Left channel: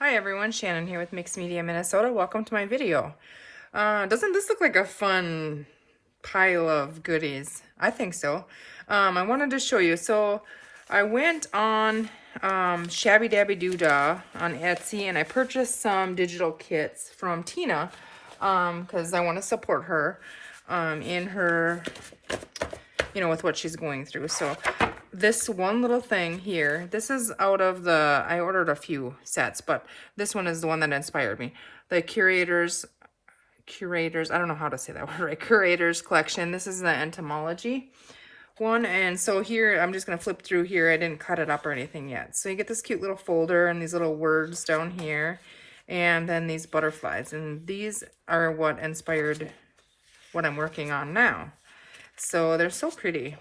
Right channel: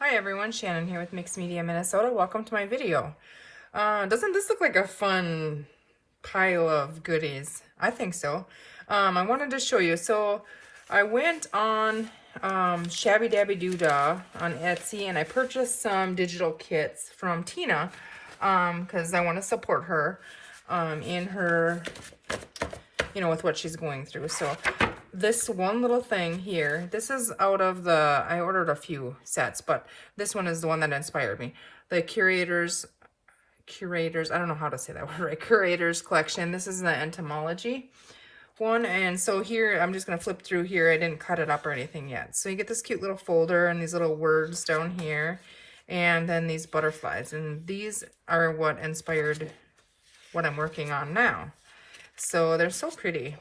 Hi everyone, Shannon here with Mixed Media Minnesota. Welcome to my video. Doesn't this look like a fun pile of goodies? I think so. I wanted to show you. So I went on Shabby Dabby Doodah on Etsy and I purchased some digital kits from Tina because I want to support her in her, with what she's going through. So this one little thing here, this is out of I ordered a few sets, but this one is the one that inspired me. The curators, I don't know how to say that word, right? Curators collection. This is the entomology one. And so here, I'm just going to flip through here. I didn't cut it up or anything yet. So you get this cute little folder and these little words down here. And then these butterflies. And these are what inspired what I'm working on now. So they're so pretty.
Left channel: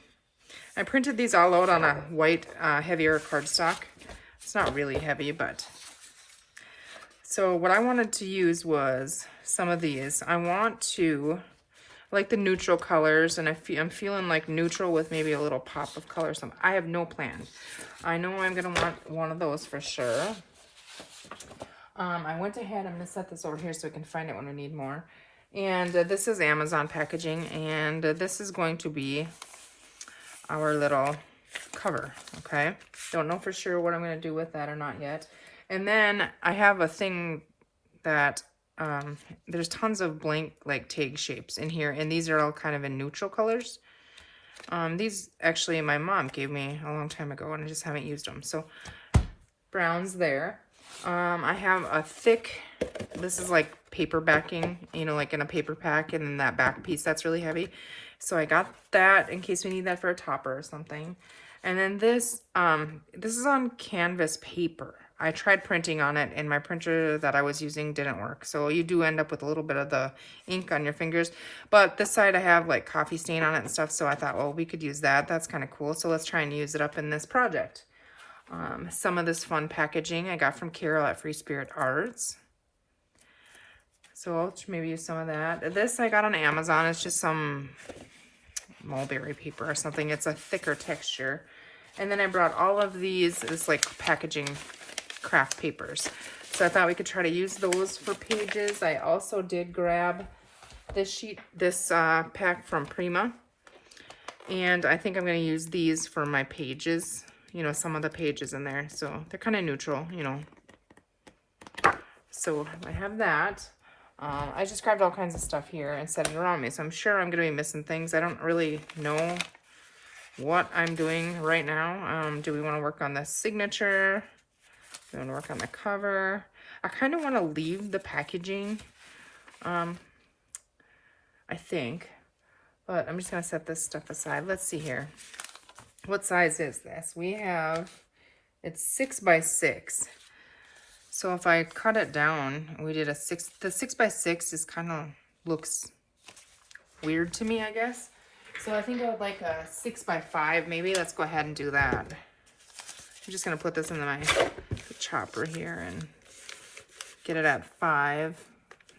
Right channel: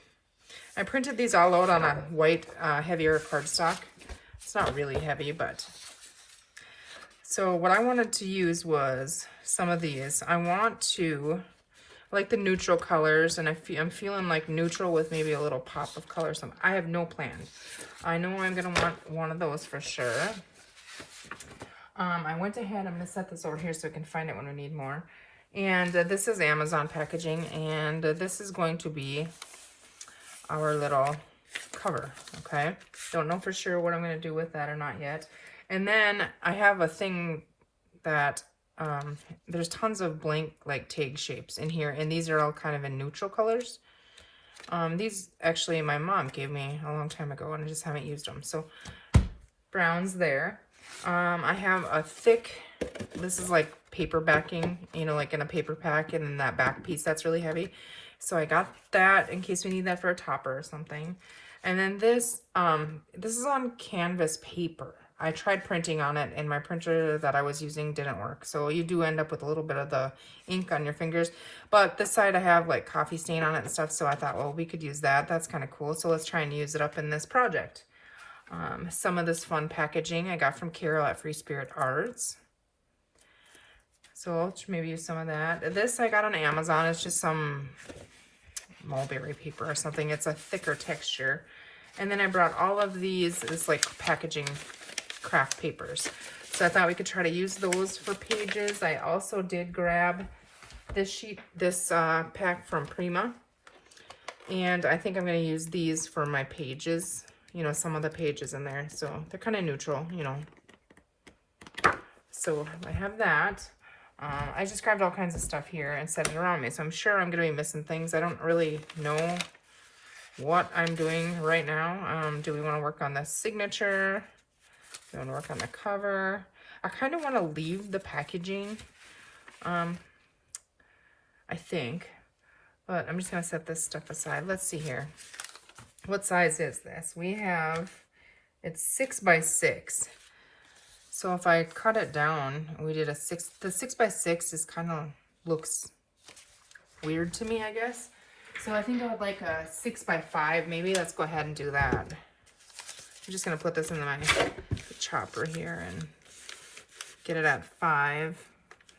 I printed these all out on a white, heavier cardstock. It's not really heavy, but... So what I wanted to use was some of these. I want to, like the neutral colors, and I'm feeling like neutral with maybe a little pop of color. So I have no plan. I know I'm going to want one of those for sure. I went ahead, I'm going to set this over here so I can find it when I need more. And this is Amazon packaging, and this is going to be our little cover, okay? Don't know for sure what I'm going to do with that or not yet. And then I have a thing that there's tons of blank like tag shapes in here, and these are all kind of in neutral colors. These actually my mom gave me a long time ago and I just haven't used them. So browns there. I have a thick, this is like paper backing, like in a paper pack, and then that back piece that's really heavy. So I got that in case we need that for a topper or something. And then this is on canvas paper. I tried printing on it and my printer that I was using didn't work. So you do end up with a little bit of the ink on your fingers. But this side I have like coffee stain on it and stuff. So I thought, well, we could use that. That's kind of cool. So let's try and use it up in this project. Some of this fun packaging I got from Carol at Free Spirit Arts. So I'll maybe use some of that. This I got on Amazon. It's just some mulberry paper or something. It's a thicker texture. And then I brought all of these, it's like packaging craft papers. So I thought we could try to use those for pages. I also did grab this sheet, this pack from Prima. And I think I'm going to use these for my pages. Some of the pages in there. So they're kind of neutral, So I have that. I just grabbed all kinds of stuff here and set it around me. So I'm sure I'm going to be missing things. I don't really know what I'm doing right now. Do we want to work on the signature? Do we want to work on the cover? I kind of want to leave the packaging, I think. But I'm just going to set this stuff aside. Let's see here. What size is this? It's 6 by 6. So if I cut it down, we did the 6 by 6 is kind of looks weird to me, I guess. So I think I would like a 6 by 5, maybe. Let's go ahead and do that. I'm just going to put this in my chopper here and get it at 5.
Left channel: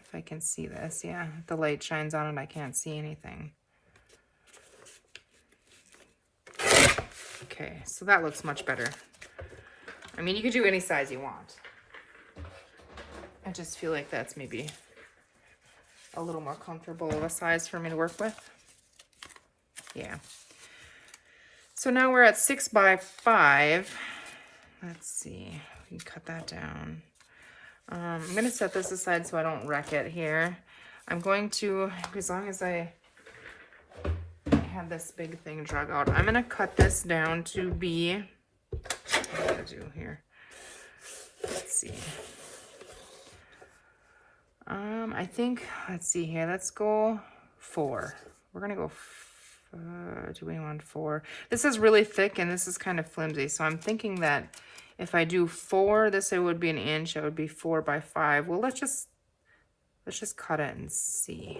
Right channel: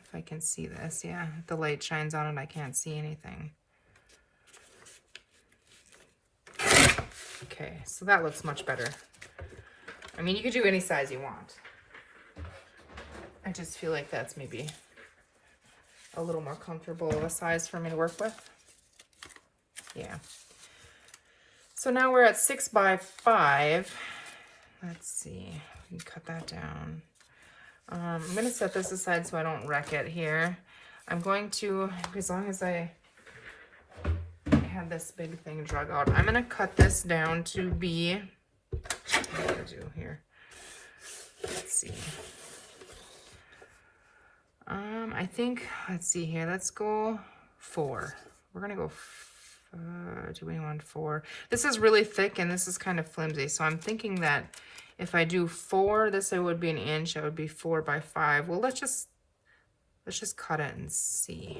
If I can see this, yeah. If the light shines on it, I can't see anything. Okay, so that looks much better. I mean, you could do any size you want. I just feel like that's maybe a little more comfortable of a size for me to work with. Yeah. So now we're at 6 by 5. Let's see. We can cut that down. I'm going to set this aside so I don't wreck it here. I'm going to, as long as I have this big thing drug out, I'm going to cut this down to be, what do I do here? Let's see. I think, let's see here, let's go 4. We're going to go, do we want 4? This is really thick and this is kind of flimsy, so I'm thinking that if I do 4, it would be an inch, it would be 4 by 5. Well, let's just cut it and see.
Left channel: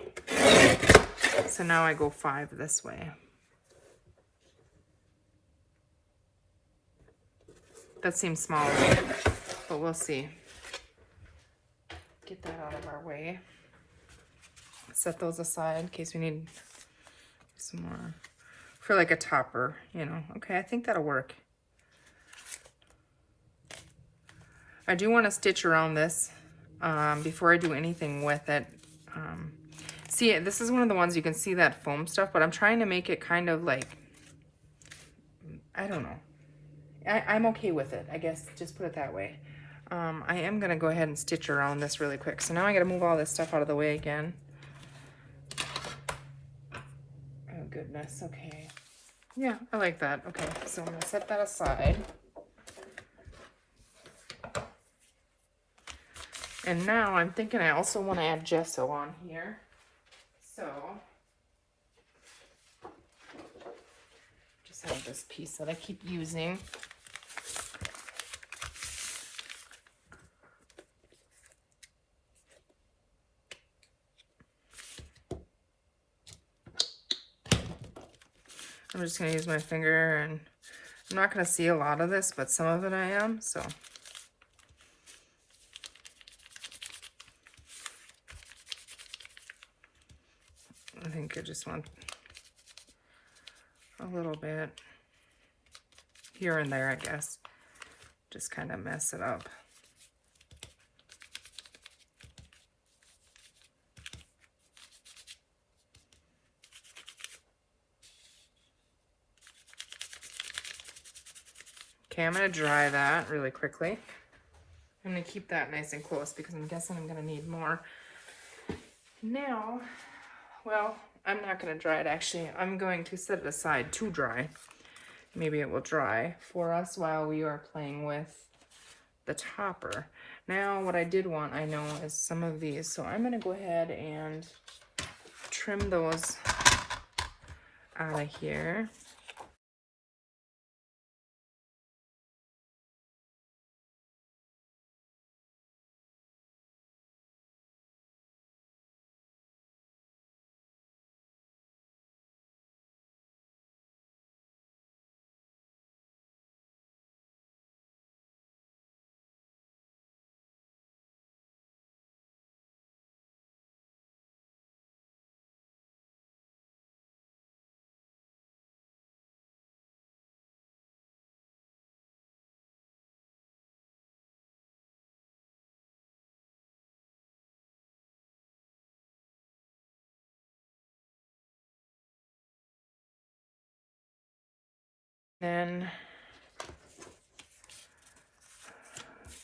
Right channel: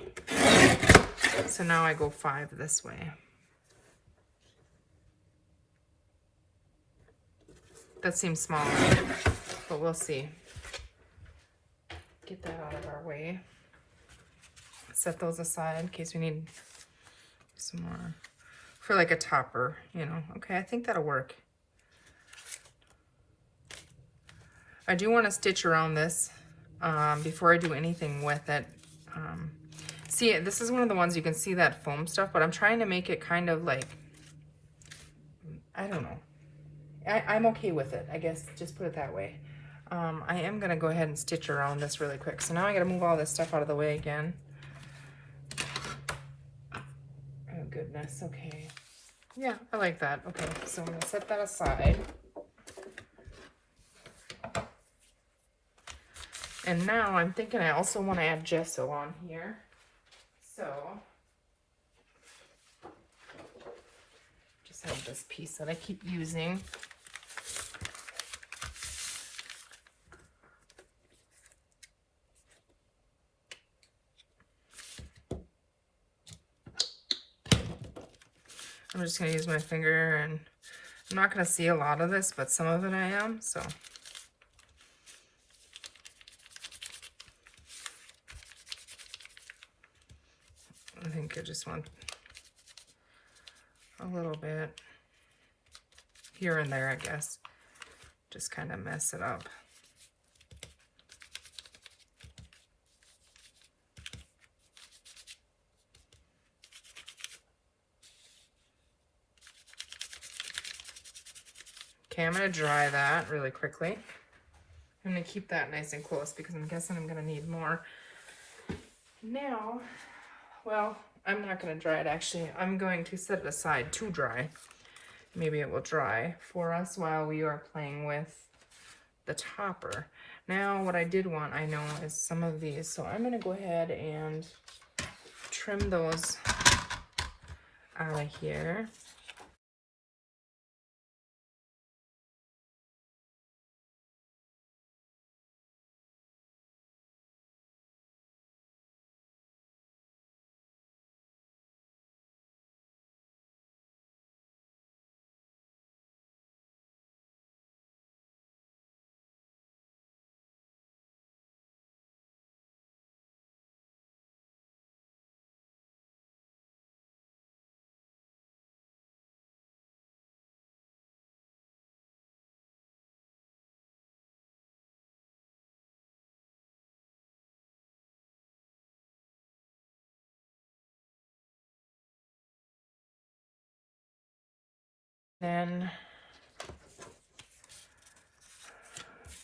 So now I go 5 this way. That seems smaller, but we'll see. Get that out of our way. Set those aside in case we need some more for like a topper, Okay, I think that'll work. I do want to stitch around this before I do anything with it. See, this is one of the ones you can see that foam stuff, but I'm trying to make it kind of like, I don't know. I'm okay with it, I guess, just put it that way. I am going to go ahead and stitch around this really quick. So now I got to move all this stuff out of the way again. Oh, goodness. Okay. Yeah, I like that. Okay, so I'm going to set that aside. And now I'm thinking I also want to add gesso on here. So, just have this piece that I keep using. I'm just going to use my finger, and I'm not going to see a lot of this, but some of it I am, so. I think I just want a little bit here and there, I guess. Just kind of mess it up. Okay, I'm going to dry that really quickly. I'm going to keep that nice and close because I'm guessing I'm going to need more. Now, well, I'm not going to dry it actually. I'm going to set it aside to dry. Maybe it will dry for us while we are playing with the topper. Now, what I did want, I know, is some of these. So I'm going to go ahead and trim those out of here. And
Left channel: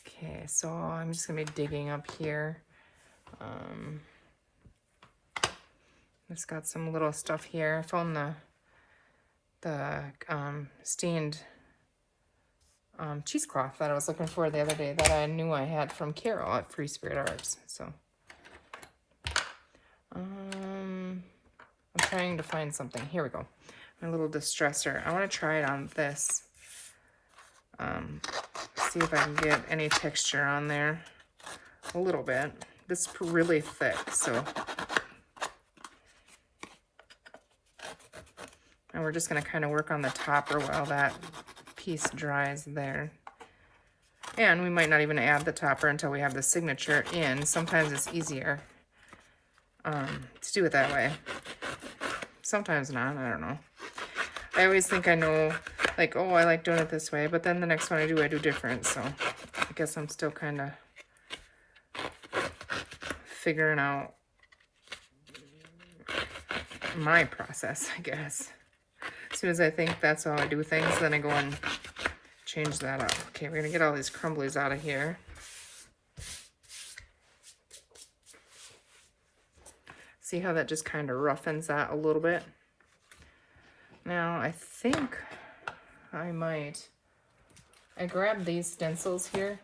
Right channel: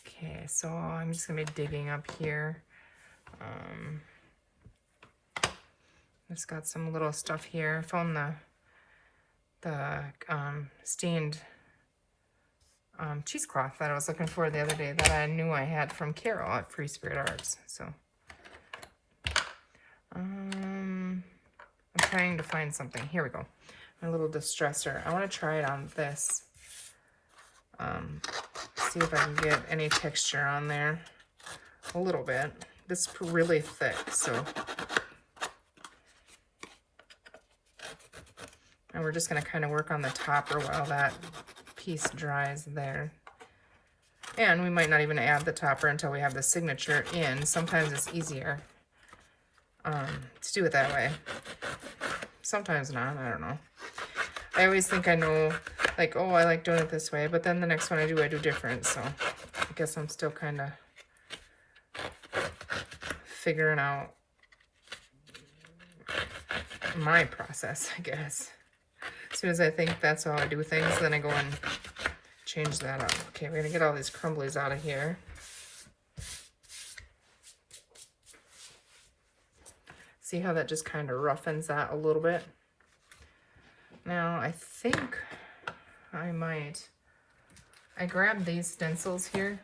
okay, so I'm just gonna be digging up here. Just got some little stuff here. I found the stained cheesecloth that I was looking for the other day that I knew I had from Carol at Free Spirit Arts. So I'm trying to find something. Here we go. A little distressor. I want to try it on this. See if I can get any texture on there. A little bit. This is really thick, so. And we're just going to kind of work on the topper while that piece dries there. And we might not even add the topper until we have the signature in. Sometimes it's easier to do it that way. Sometimes not, I don't know. I always think I know, like, oh, I like doing it this way, but then the next one I do different, so I guess I'm still kind of figuring out my process, I guess. As soon as I think that's how I do things, then I go and change that up. Okay, we're going to get all these crumblies out of here. See how that just kind of roughens that a little bit? Now, I think I grabbed these stencils here.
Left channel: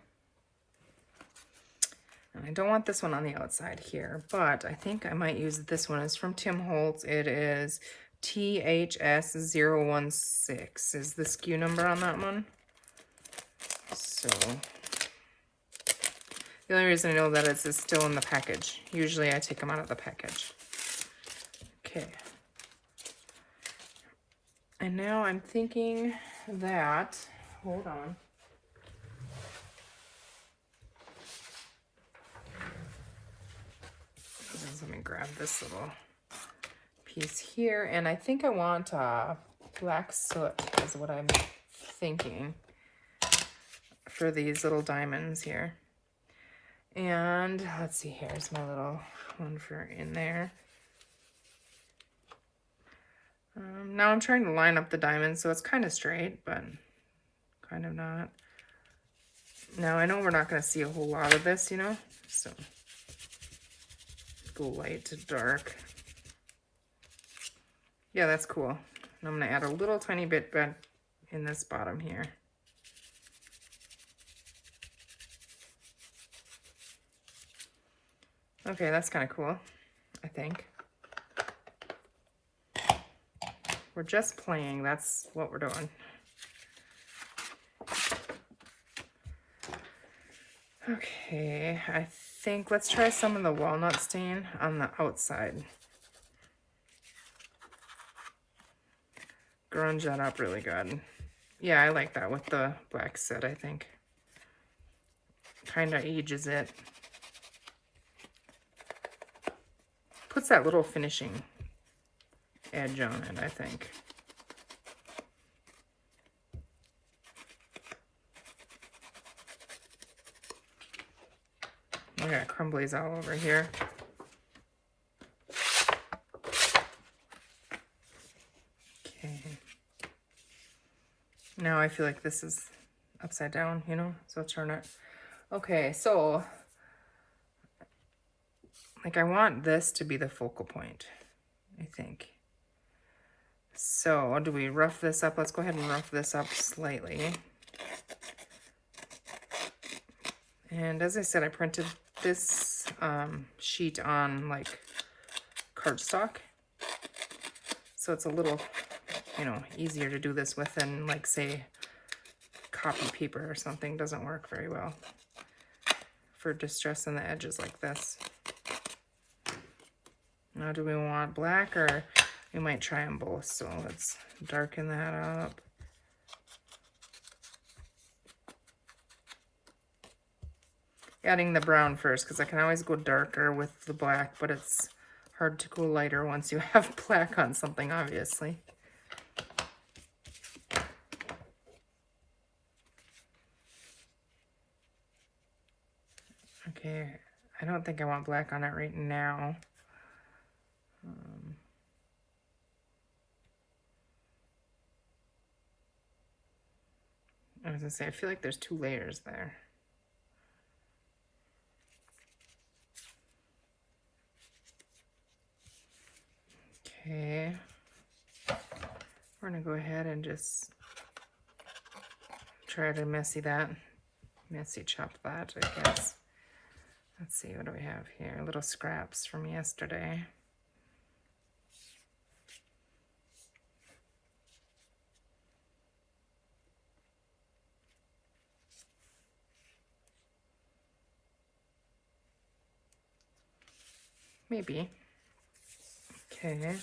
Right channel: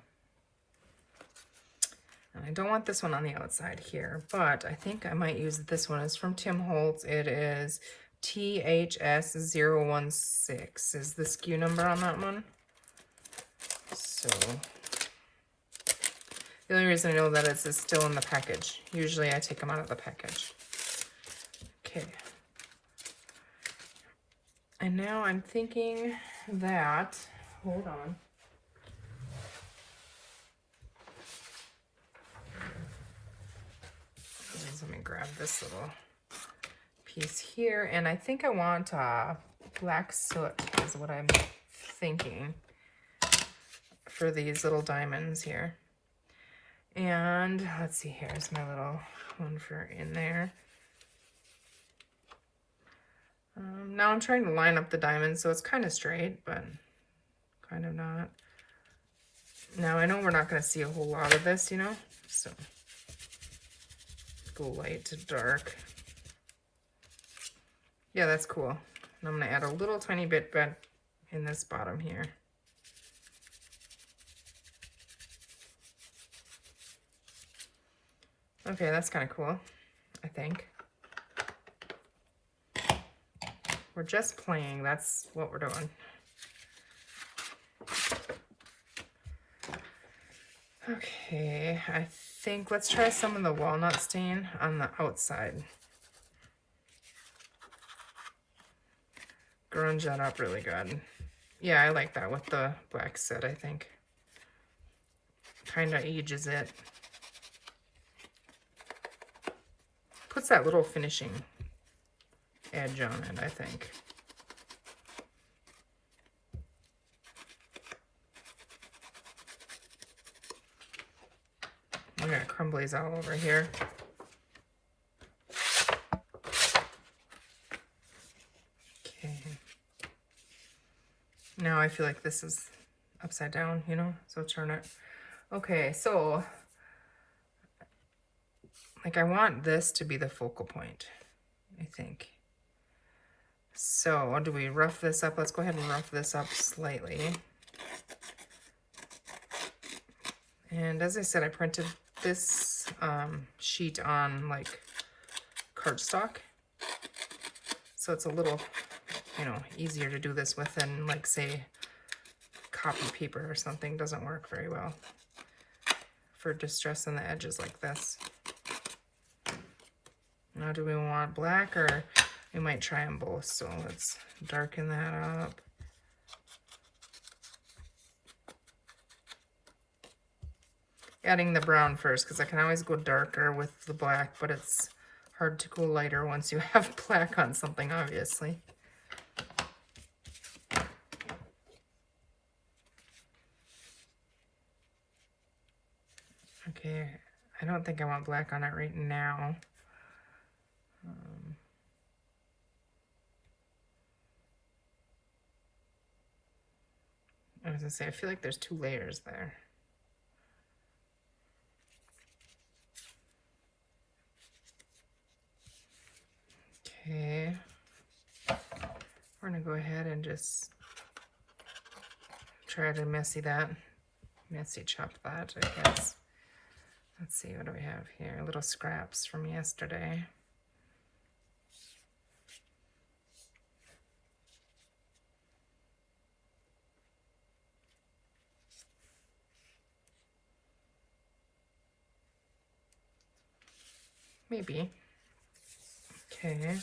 And I don't want this one on the outside here, but I think I might use this one. It's from Tim Holtz. It is THS016 is the SKU number on that one. So, the only reason I know that is it's still in the package. Usually I take them out of the package. Okay. And now I'm thinking that, hold on. Let me grab this little piece here. And I think I want black soot is what I'm thinking for these little diamonds here. And let's see, here's my little one for in there. Now I'm trying to line up the diamonds so it's kind of straight, but kind of not. Now I know we're not going to see a whole lot of this, you know, so go light to dark. Yeah, that's cool. And I'm going to add a little tiny bit in this bottom here. Okay, that's kind of cool, I think. We're just playing, that's what we're doing. Okay, I think let's try some of the walnut stain on the outside. Grunge that up really good. Yeah, I like that with the black soot, I think. Kind of ages it. Puts that little finishing edge on it, I think. I got crumblies all over here. Okay. Now I feel like this is upside down, you know, so I'll turn it. Okay, so like I want this to be the focal point, I think. So do we rough this up? Let's go ahead and rough this up slightly. And as I said, I printed this sheet on like cardstock. So it's a little, you know, easier to do this with than like say copy paper or something. Doesn't work very well for distressing the edges like this. Now do we want black, or we might try them both? So let's darken that up. Adding the brown first, because I can always go darker with the black, but it's hard to go lighter once you have black on something, obviously. Okay, I don't think I want black on it right now. I was gonna say, I feel like there's 2 layers there. Okay, we're gonna go ahead and just try to messy chop that, I guess. Let's see, what do we have here? Little scraps from yesterday. Maybe. Okay.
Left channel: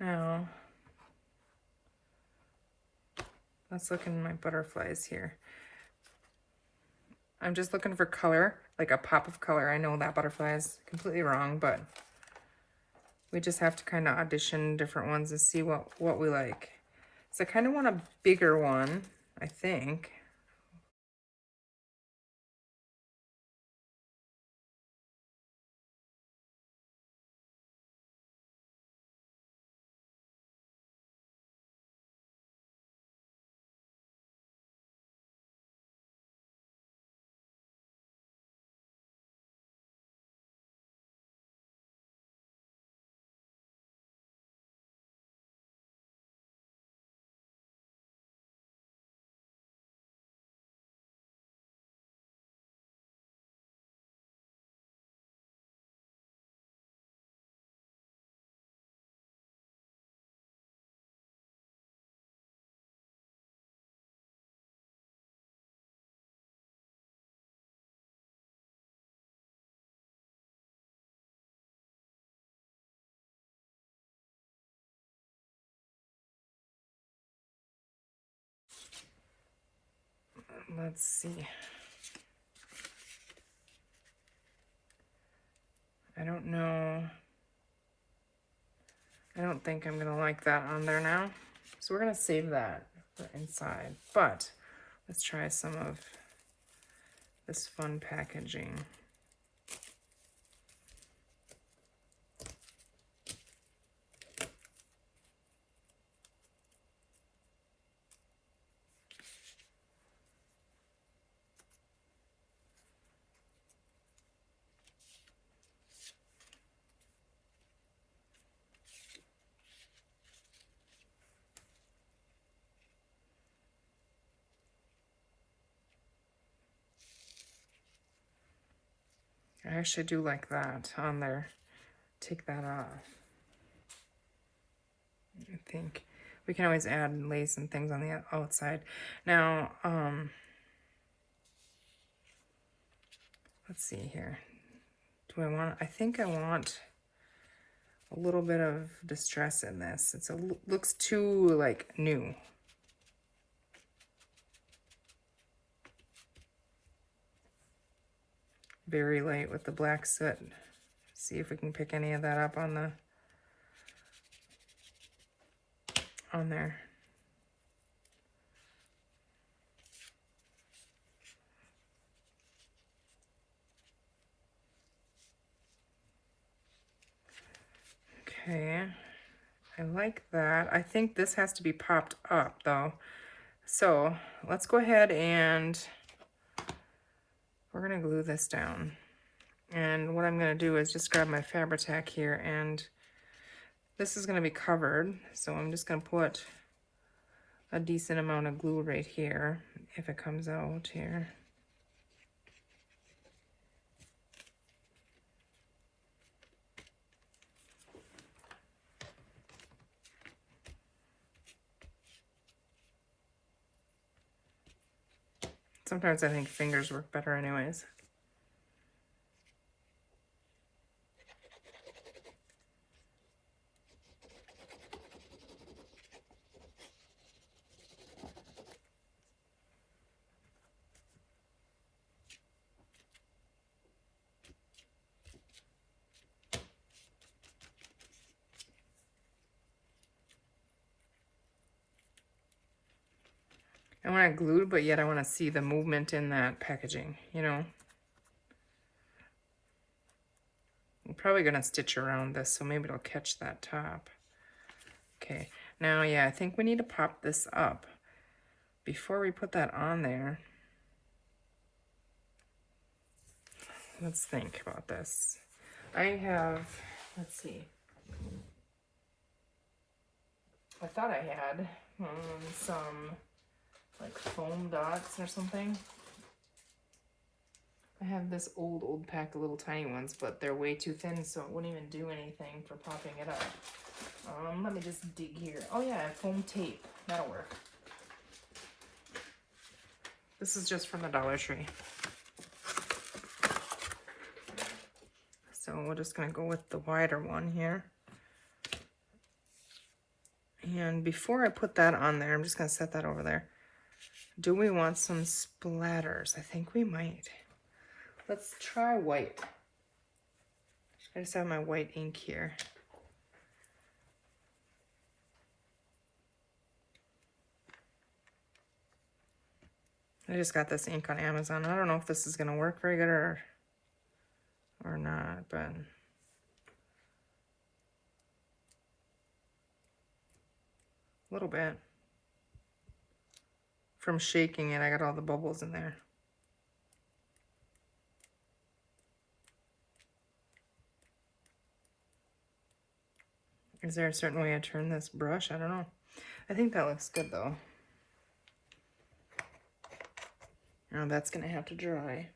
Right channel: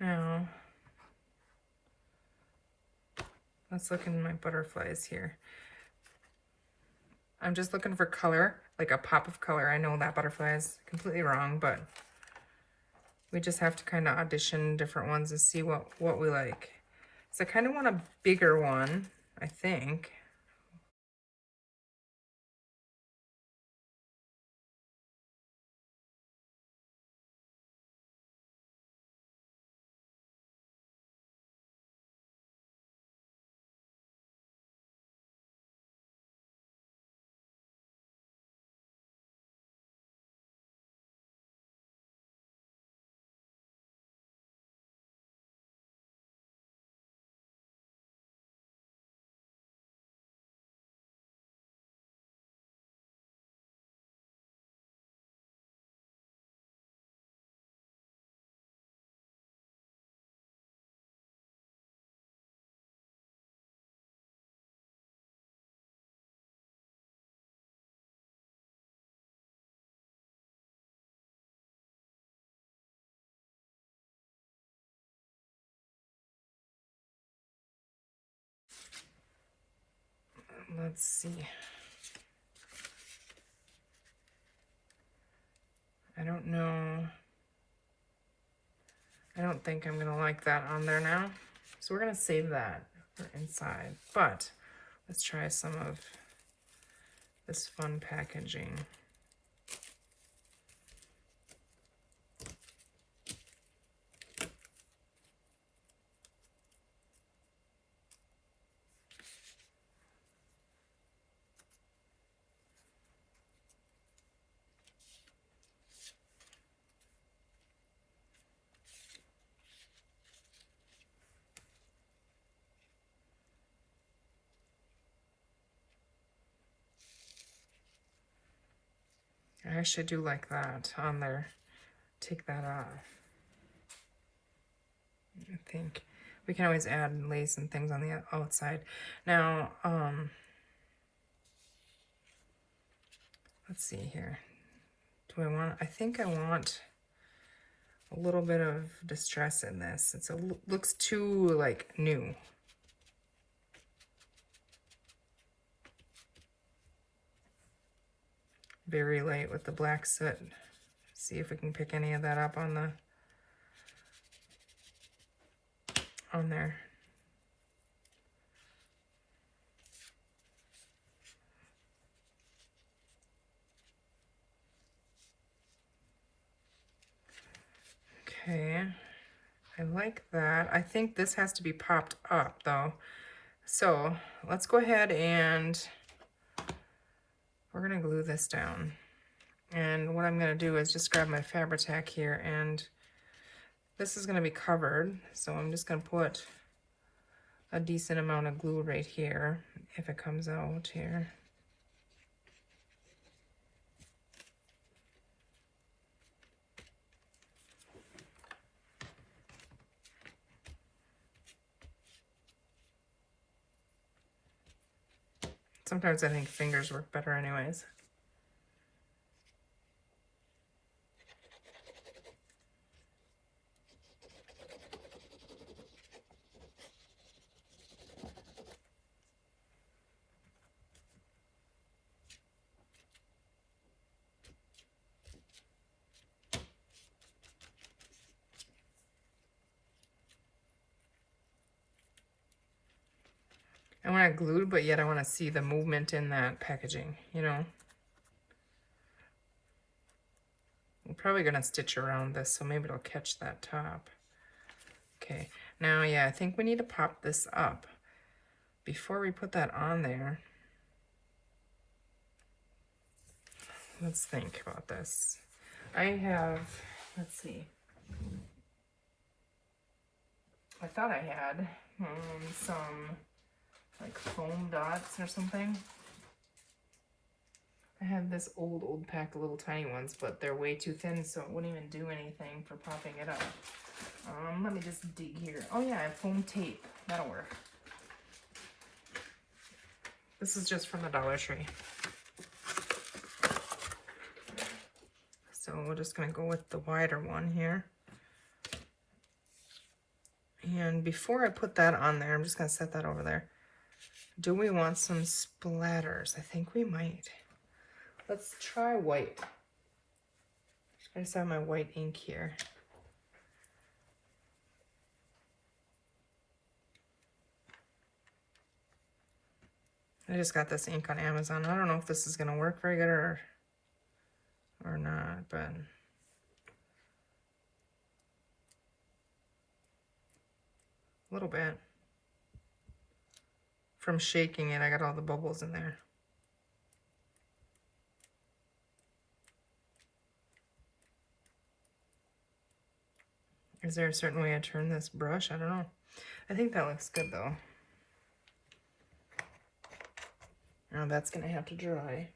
Now, let's look in my butterflies here. I'm just looking for color, like a pop of color. I know that butterfly is completely wrong, but we just have to kind of audition different ones and see what we like. So I kind of want a bigger one, I think. Let's see. I don't know. I don't think I'm gonna like that on there now. So we're gonna save that for inside. But Let's try some of this fun packaging. I should do like that on there. Take that off. I think we can always add lace and things on the outside. Now, let's see here. Do I want, I think I want a little bit of distress in this. It's a, looks too like new. Very light with the black soot. See if we can pick any of that up on the, on there. Okay, I like that. I think this has to be popped up though. So let's go ahead and we're gonna glue this down. And what I'm gonna do is just grab my Fabri-Tac here, and this is gonna be covered. So I'm just gonna put a decent amount of glue right here if it comes out here. Sometimes I think fingers work better anyways. I want it glued, but yet I want to see the movement in that packaging, you know. I'm probably going to stitch around this, so maybe it'll catch that top. Okay, now, yeah, I think we need to pop this up. Before we put that on there, let's think about this. I have, let's see. I thought I had some like foam dots or something. I have this old pack of little tiny ones, but they're way too thin, so it wouldn't even do anything for popping it up. Let me just dig here. Oh yeah, foam tape. That'll work. This is just from the Dollar Tree. So we're just gonna go with the wider one here. And before I put that on there, I'm just gonna set that over there. Do we want some splatters? I think we might. Let's try white. I just have my white ink here. I just got this ink on Amazon. I don't know if this is gonna work very good or not, but a little bit. From shaking it, I got all the bubbles in there. Is there a certain way I turn this brush? I don't know. I think that looks good though. Now that's gonna have to dry.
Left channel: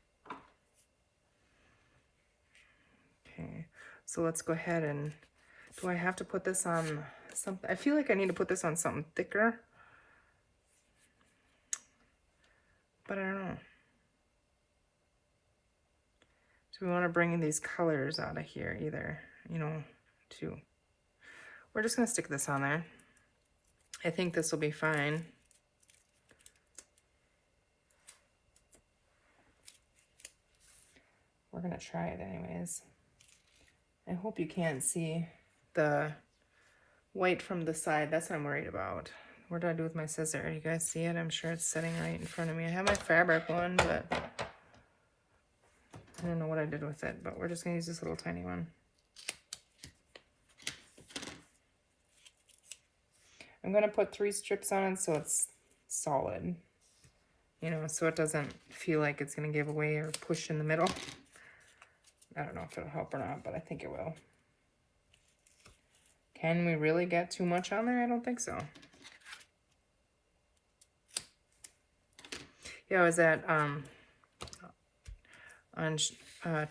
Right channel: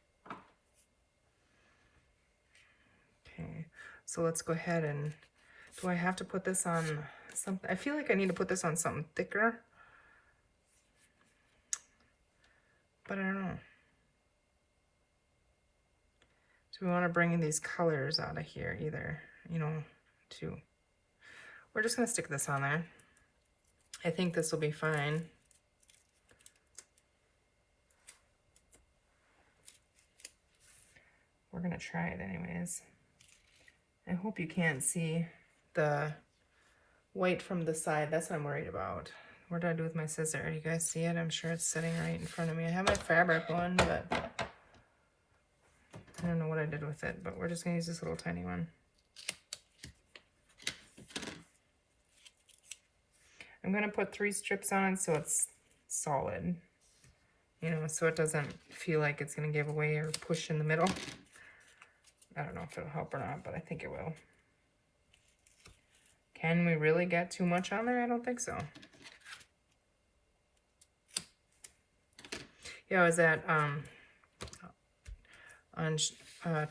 Okay, so let's go ahead and, do I have to put this on something? I feel like I need to put this on something thicker, but I don't know. Do we want to bring in these colors out of here either, you know, too? We're just gonna stick this on there. I think this will be fine. We're gonna try it anyways. I hope you can't see the white from the side. That's what I'm worried about. What did I do with my scissor? You guys see it? I'm sure it's sitting right in front of me. I have my fabric one, but I don't know what I did with it, but we're just gonna use this little tiny one. I'm gonna put 3 strips on so it's solid, you know, so it doesn't feel like it's gonna give away or push in the middle. I don't know if it'll help or not, but I think it will. Can we really get too much on there? I don't think so. Yeah, I was at on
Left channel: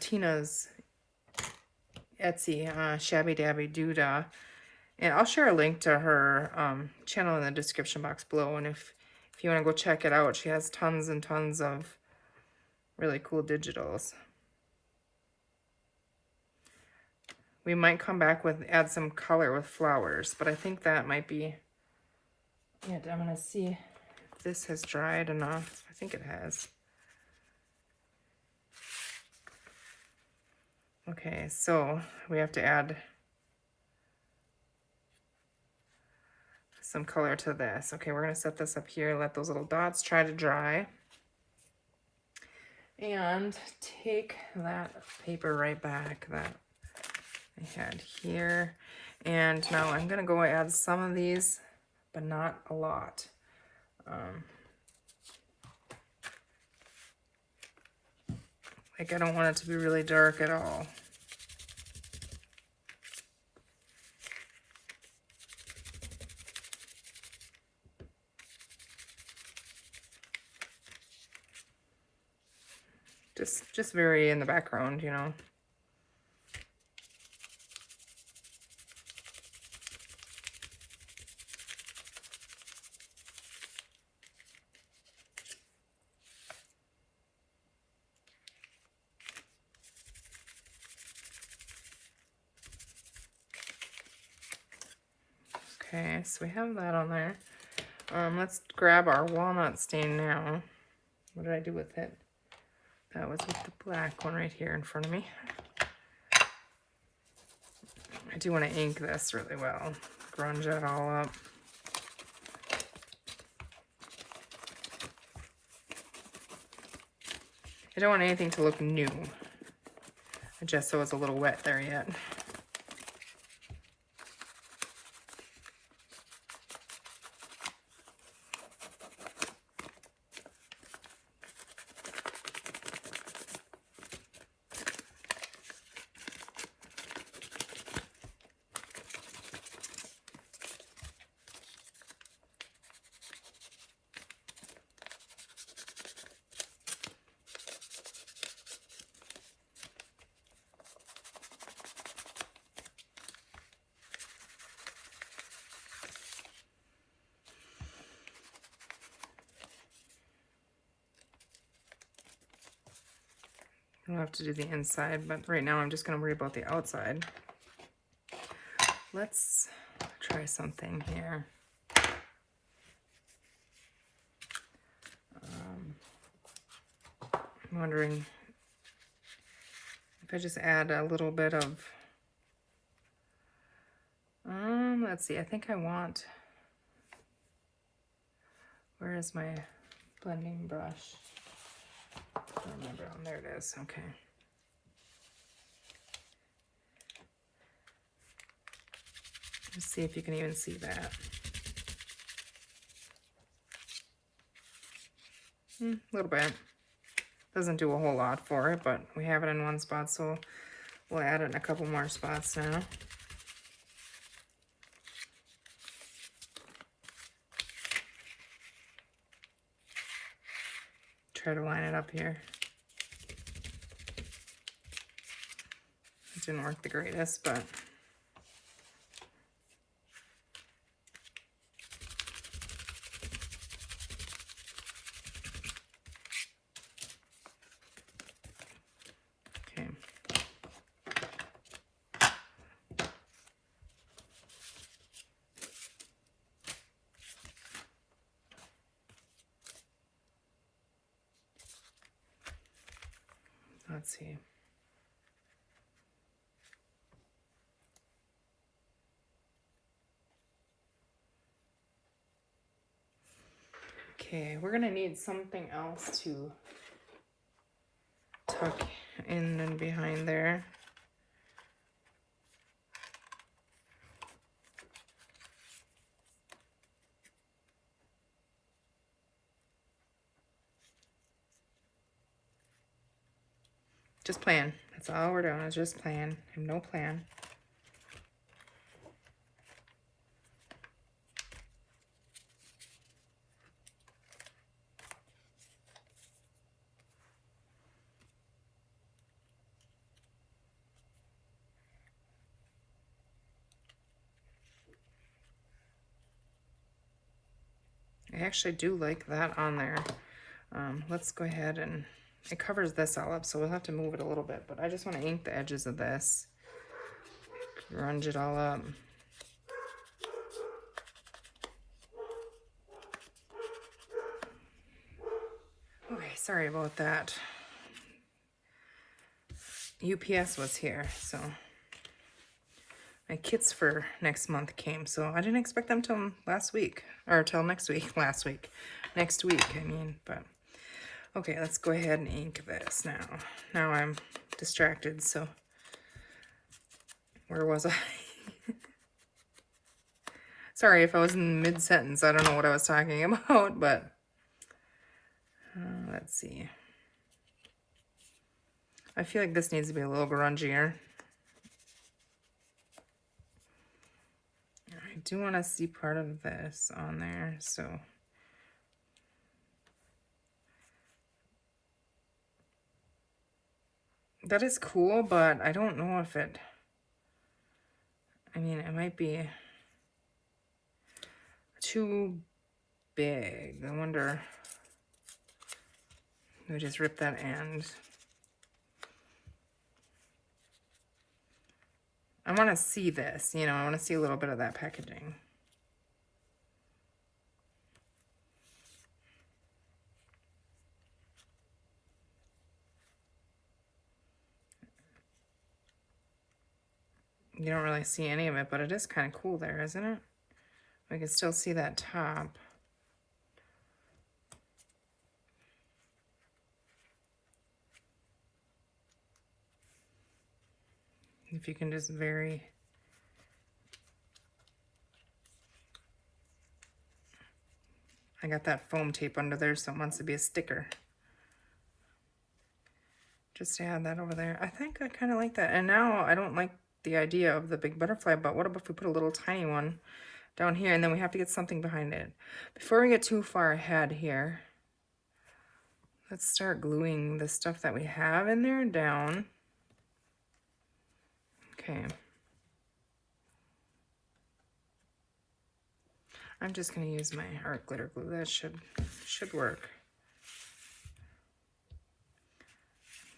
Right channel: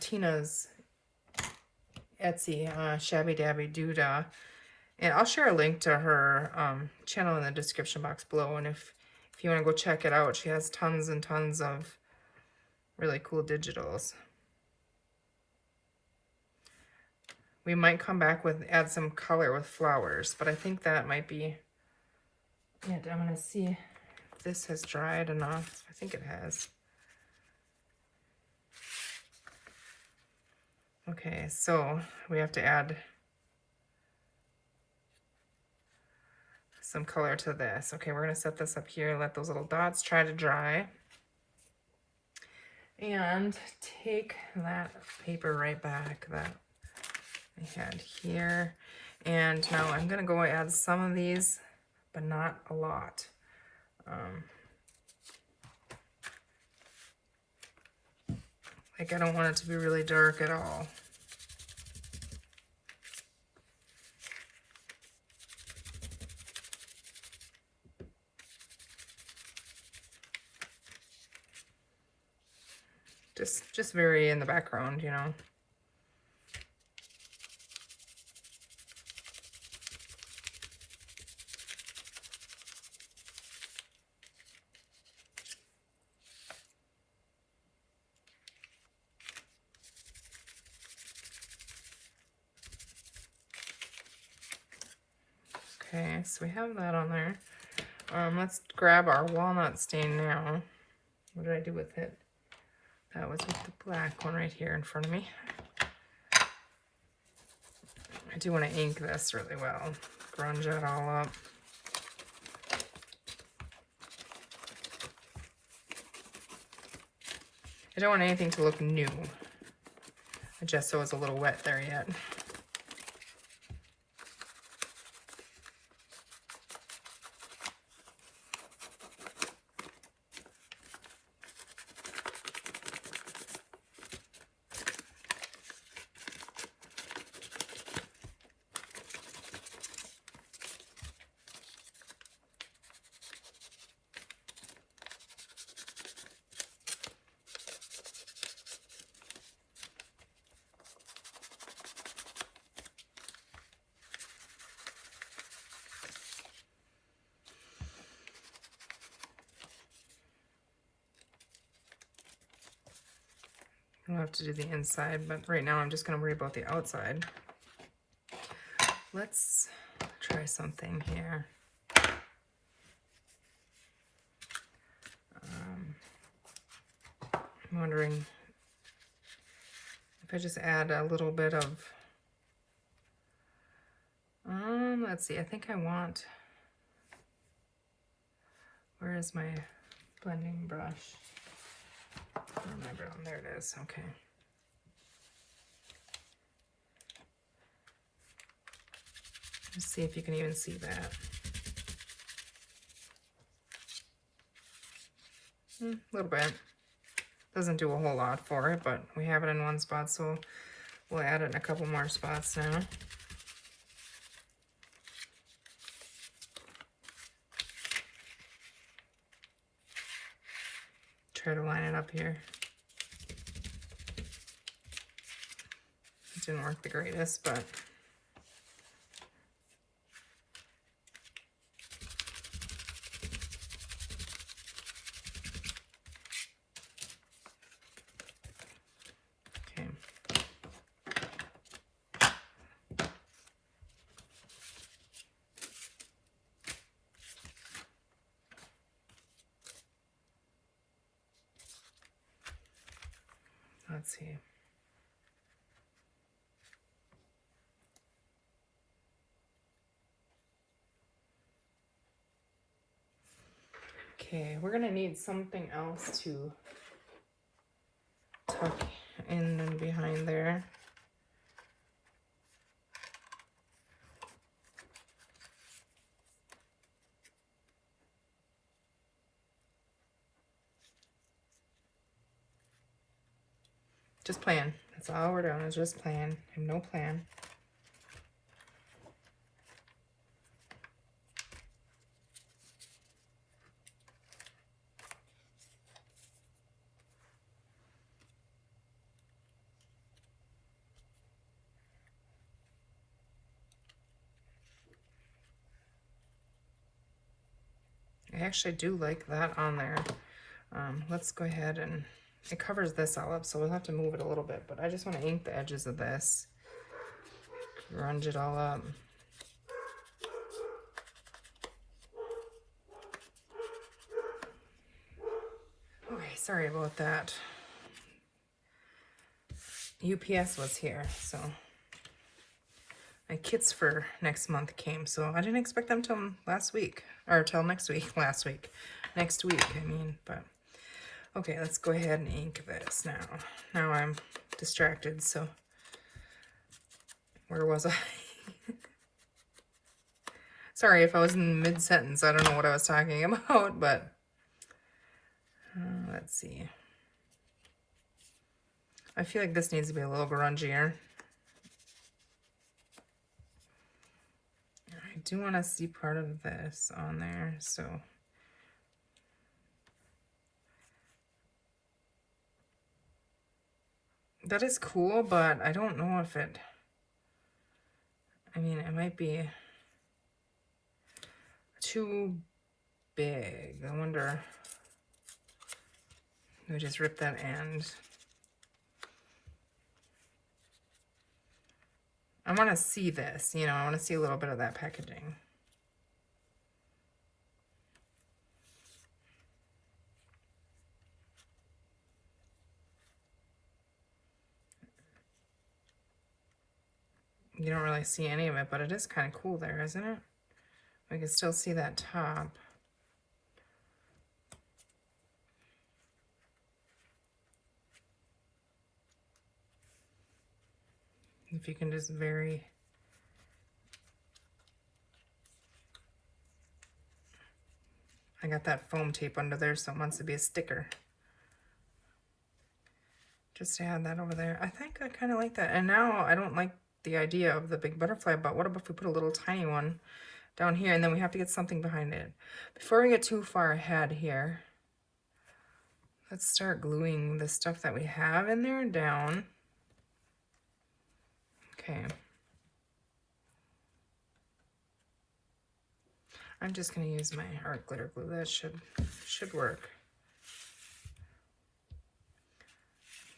Tina's Etsy, Shabby Dabby Doodah, and I'll share a link to her channel in the description box below. And if you want to go check it out, she has tons and tons of really cool digitals. We might come back with add some color with flowers, but I think that might be. Yeah, I'm gonna see. This has dried enough. I think it has. Okay, so we have to add some color to this. Okay, we're gonna set this up here, let those little dots try to dry. And take that paper right back that I had here. And now I'm gonna go add some of these, but not a lot. Like, I don't want it to be really dark at all. Just very in the background, you know. Okay, so we have that on there. Let's grab our walnut stain now. What did I do with it? That was with the black one right here in front of me. I do want to ink this really well. Grunge it all up. I don't want anything to look new. Just so it's a little wet there yet. I'll have to do the inside, but right now I'm just going to worry about the outside. Let's try something here. I'm wondering if I just add a little bit of, let's see, I think I want, where is my blending brush? I don't remember. Oh, there it is. Okay. Let's see if you can even see that. A little bit. Doesn't do a whole lot for it, but we have it in one spot, so we'll add it in a couple more spots now. Try to line it up here. It didn't work the greatest, but okay. Let's see. Okay, we're gonna need something else to tuck in and behind there. Just playing. That's all we're doing is just playing. I have no plan. I actually do like that on there. Let's go ahead and it covers this all up, so we'll have to move it a little bit, but I just want to ink the edges of this. Grunge it all up. Okay, sorry about that. UPS was here, so my kits for next month came, so I didn't expect them till last week, or till next week, next week, I mean, but okay, let's go ahead and ink this now. Now I'm distracted, so where was I? Sorry if I was in mid-sentence, I don't know what I was talking about, but let's see. I feel like this needs to be a little grungier. I do want to see part of this on there, so that is cool, but I don't know if it, I mean, it might be too big. I wonder, let me just rip that end. I want to see this, you know, I want to see a little bit of that packaging. You don't really see any of it, but it is kind of cool there, isn't it? I can still see that top. If you can just vary. I got that foam tape under there, so it wants to be a sticker. Just to add that over there. I think I kind of like that. And now I don't like the idea of the big butterfly, but what about if we put a little tiny one down here, and then we have to get something behind it. Before we get too far ahead here, let's start gluing the stuff that we have in there down. Okay. I'm just going to use my art glitter glue. That should work.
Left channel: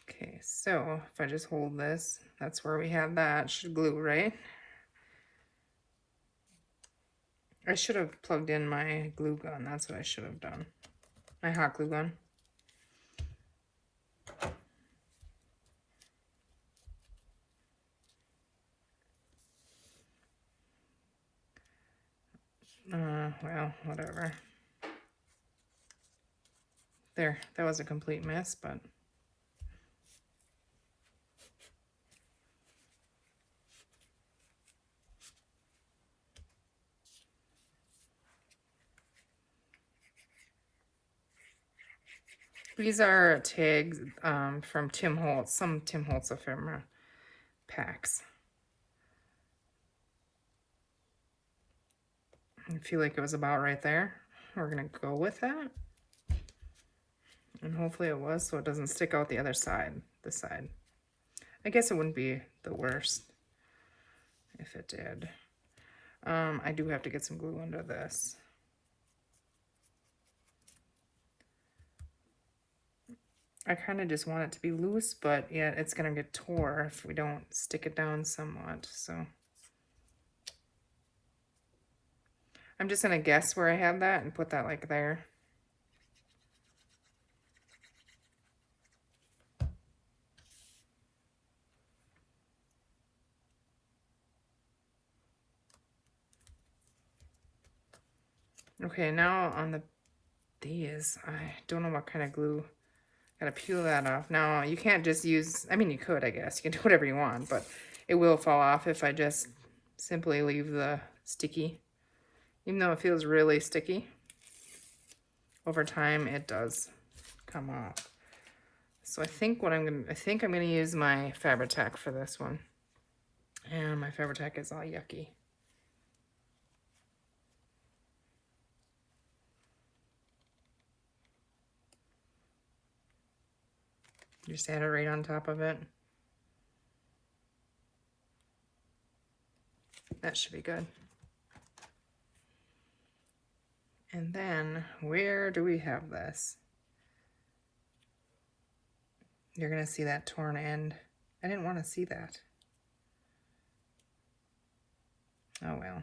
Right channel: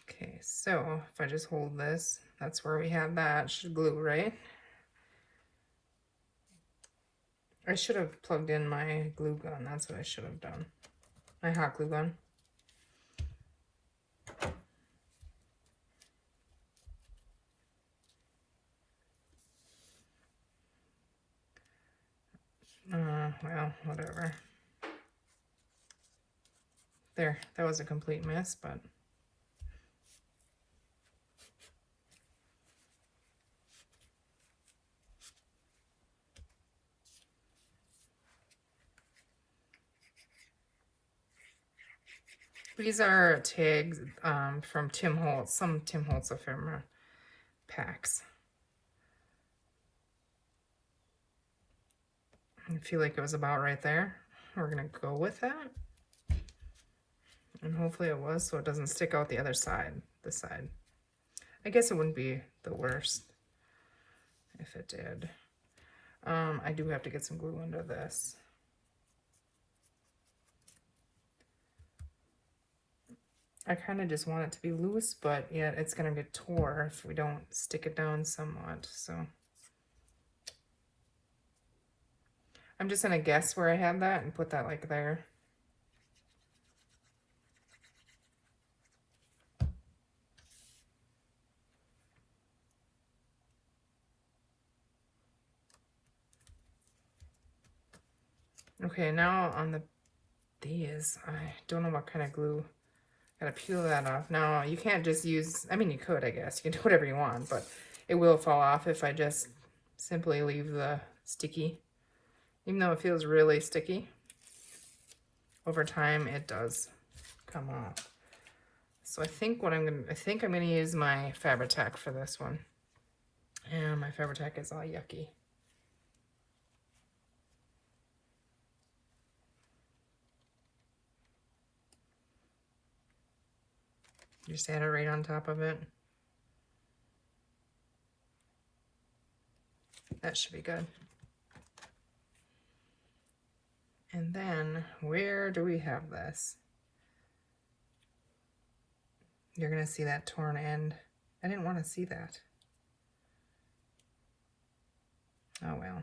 Okay, so if I just hold this, that's where we have that. Should glue, right? I should have plugged in my glue gun. That's what I should have done. My hot glue gun. Well, whatever. There, that was a complete mess, but these are tags from Tim Holtz, some Tim Holtz ephemera packs. I feel like it was about right there. We're gonna go with that. And hopefully it was, so it doesn't stick out the other side, this side. I guess it wouldn't be the worst if it did. I do have to get some glue under this. I kind of just want it to be loose, but yeah, it's gonna get tore if we don't stick it down somewhat, so. I'm just gonna guess where I have that and put that like there. Okay, now on the these. I don't know what kind of glue. Gotta peel that off. Now, you can't just use, I mean, you could, I guess. You can do whatever you want, but it will fall off if I just simply leave the sticky. Even though it feels really sticky, over time it does come off. So I think I'm gonna use my Fabri-Tac for this one. And my Fabri-Tac is all yucky. Just add it right on top of it. That should be good. And then, where do we have this? You're gonna see that torn end. I didn't want to see that. Oh well.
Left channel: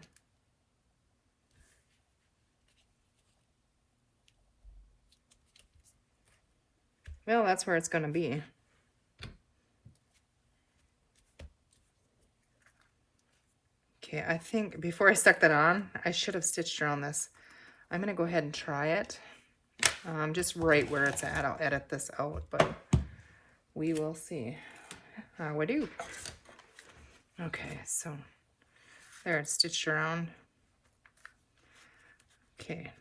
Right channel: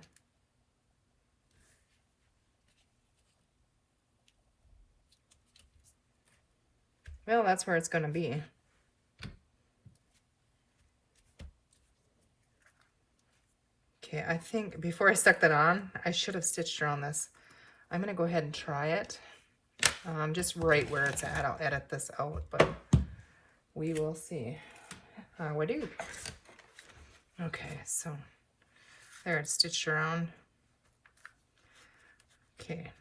Well, that's where it's gonna be. Okay, I think before I stuck that on, I should have stitched around this. I'm gonna go ahead and try it. Just right where it's at. I'll edit this out, but we will see how we do. Okay, so there, it's stitched around. Okay,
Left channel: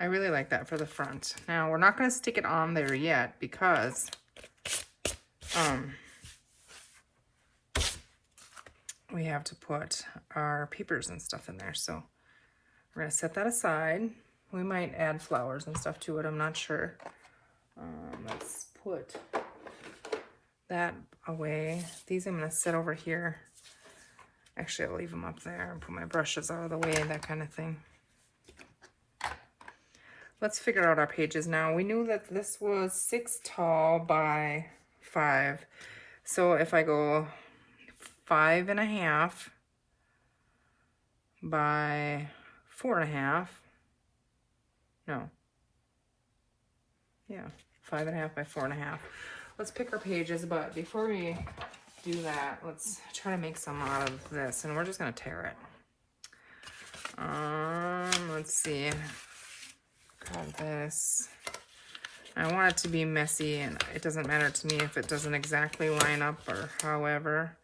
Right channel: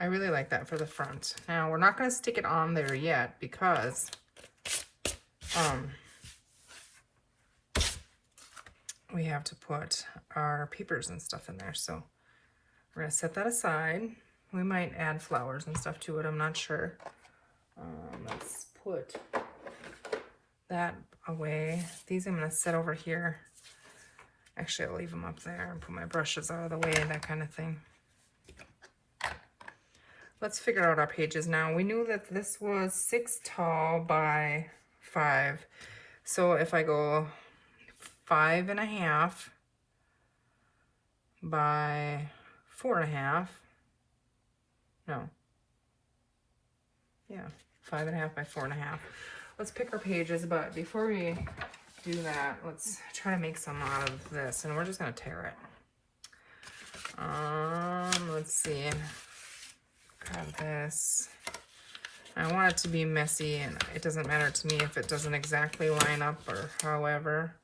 I really like that for the front. Now, we're not gonna stick it on there yet because we have to put our papers and stuff in there. So we're gonna set that aside. We might add flowers and stuff to it, I'm not sure. Let's put that away. These I'm gonna set over here. Actually, I'll leave them up there and put my brushes out of the way, that kind of thing. Let's figure out our pages now. We knew that this was 6 tall by 5. So if I go 5.5 by 4.5, no, yeah, 5.5 by 4.5. Let's pick our pages, but before we do that, let's try to make some out of this, and we're just gonna tear it. Let's see. Cut this. I want it to be messy, and it doesn't matter to me if it doesn't exactly line up or however.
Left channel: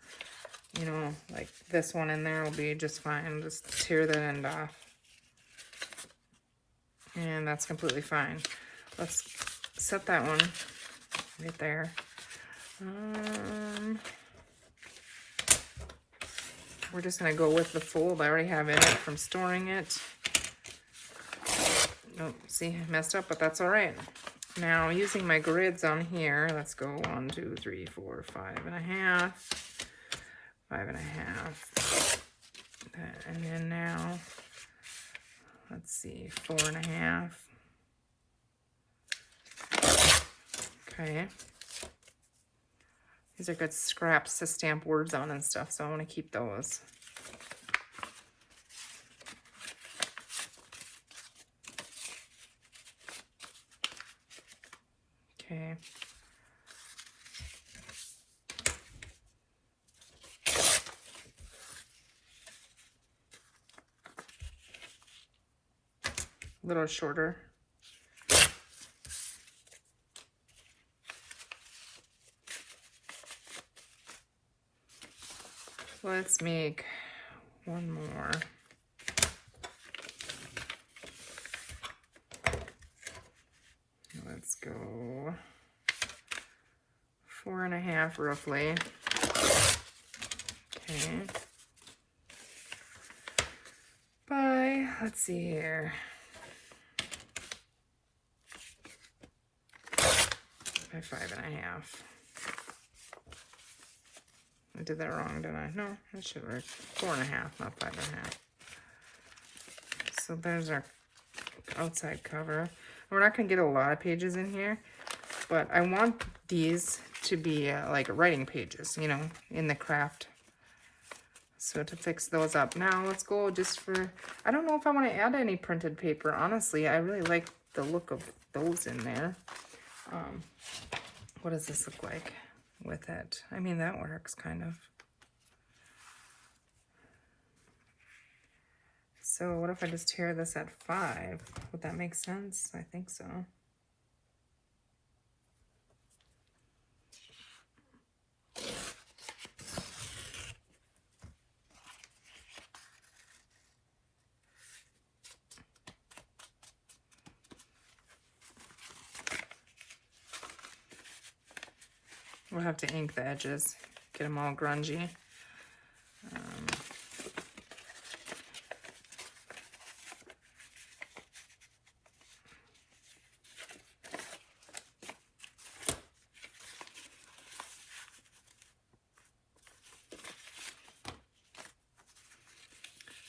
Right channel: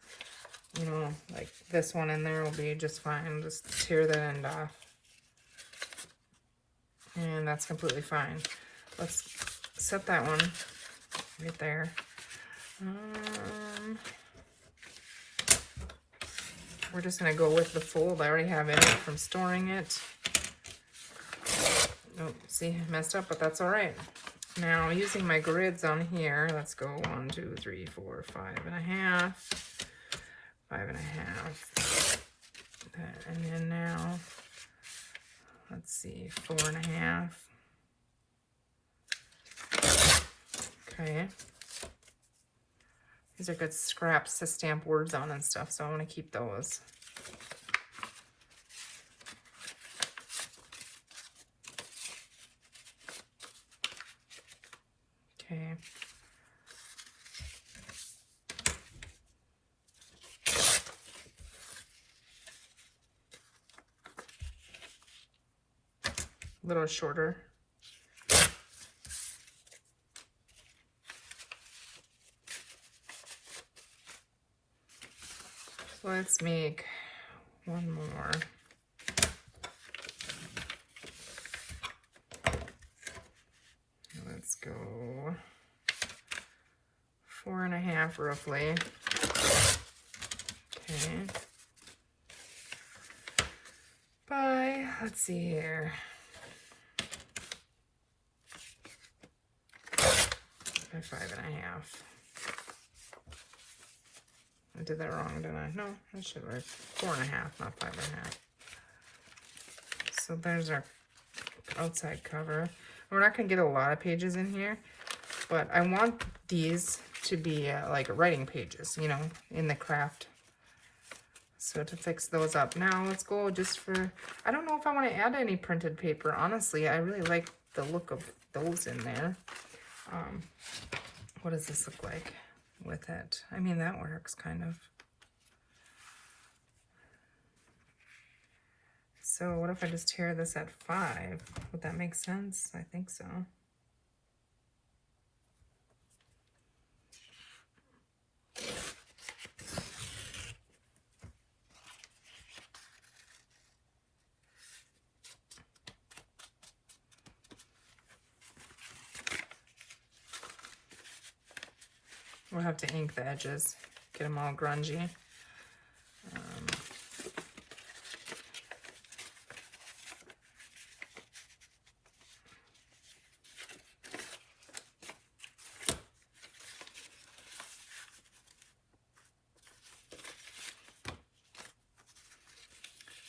You know, like this one in there will be just fine. Just tear that end off. And that's completely fine. Let's set that one right there. We're just going to go with the fold I already have in it from storing it. Oh, see, messed up, but that's all right. Now, using my grids on here, let's go 1, 2, 3, 4, 5.5. 5.5. And then now, let's see, 4.5. Okay. These are good scraps to stamp words on and stuff, so I want to keep those. Okay. A little shorter. Let's make one more. Let's go 4.5 roughly. Okay. By, let's see here. By 5.5. I did that wrong, didn't I? No, that should work. 4.5, not 5.5. So there's our outside cover. We're not going to get a lot of pages in here, but I want these to be like writing pages, you know, in the craft. So to fix those up. Now let's go just for, I don't know if I want to add any printed paper. Honestly, I really like the look of those in there. What does this look like with it? I mean, that works kind of. So what if I just tear this at 5? Would that make sense? I think so. We'll have to ink the edges, get them all grungy.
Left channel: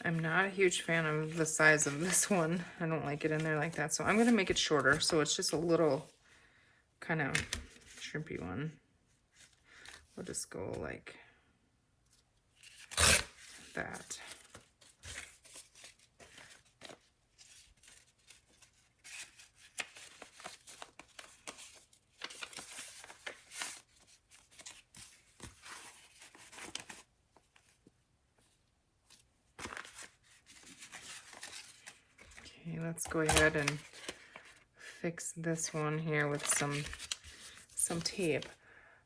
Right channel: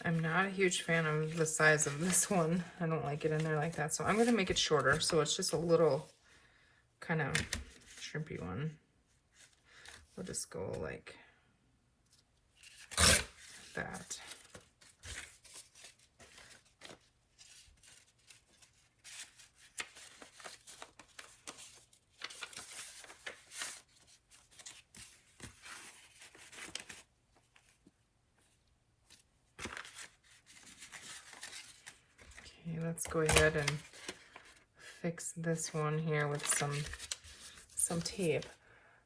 I'm not a huge fan of the size of this one. I don't like it in there like that. So I'm going to make it shorter. So it's just a little kind of shrimpy one. We'll just go like that. Okay, let's go ahead and fix this one here with some tape.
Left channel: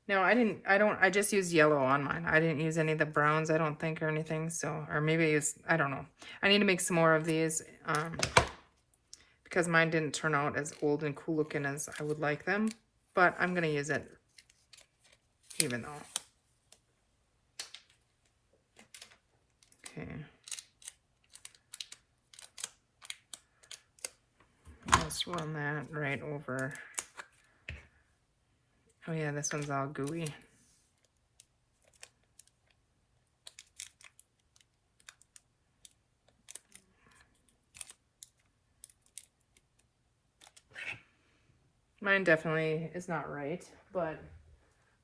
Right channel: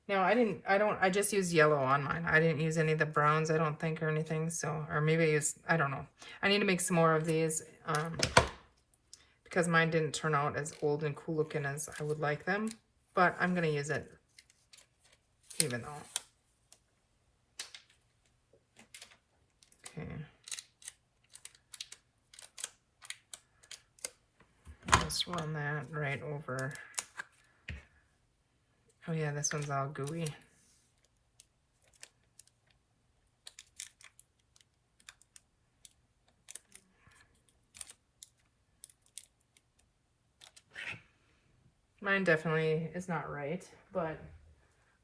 Now I just used yellow on mine. I didn't use any of the browns, I don't think, or anything. So, or maybe it's, I don't know. I need to make some more of these because mine didn't turn out as old and cool looking as I would like them. But I'm gonna use it even though. Okay. Just run that right over. Oh yeah, this one's all gooey. Mine definitely is not right, but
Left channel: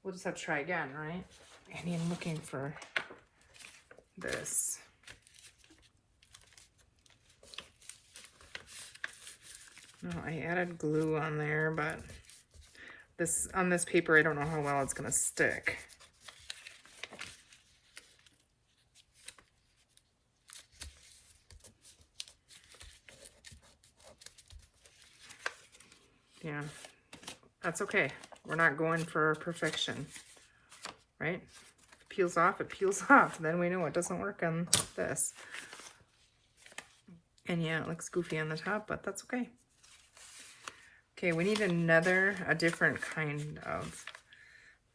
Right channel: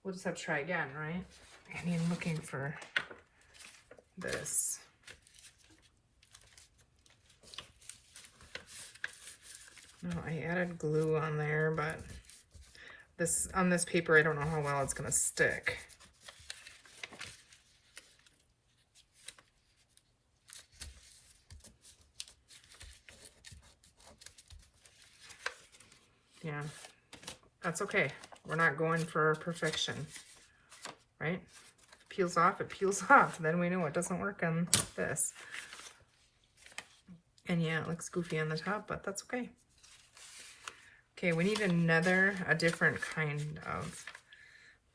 we'll just have to try again, right? And I'm looking for this. Oh, I added glue on there, but this on this paper, I don't know how well it's gonna stick. Yeah, that's okay. We're not going for perfection, right? Peels off, it peels off. Then we know it doesn't work on this. And yeah, it looks goofy on the top, but that's okay. Okay, we need a different kind of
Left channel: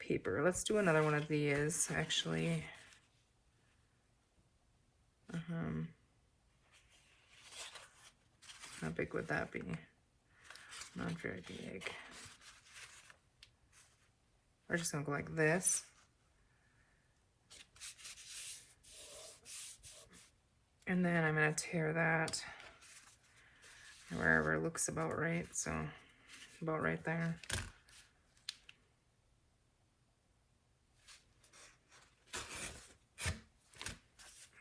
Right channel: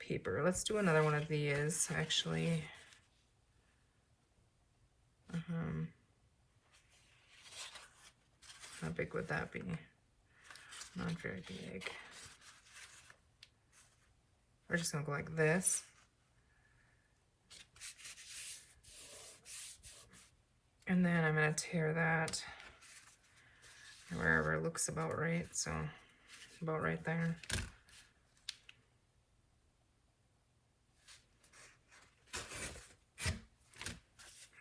paper. Let's do another one of these, actually. How big would that be? Not very big. We're just gonna go like this. And then I'm gonna tear that wherever it looks about right, so about right there.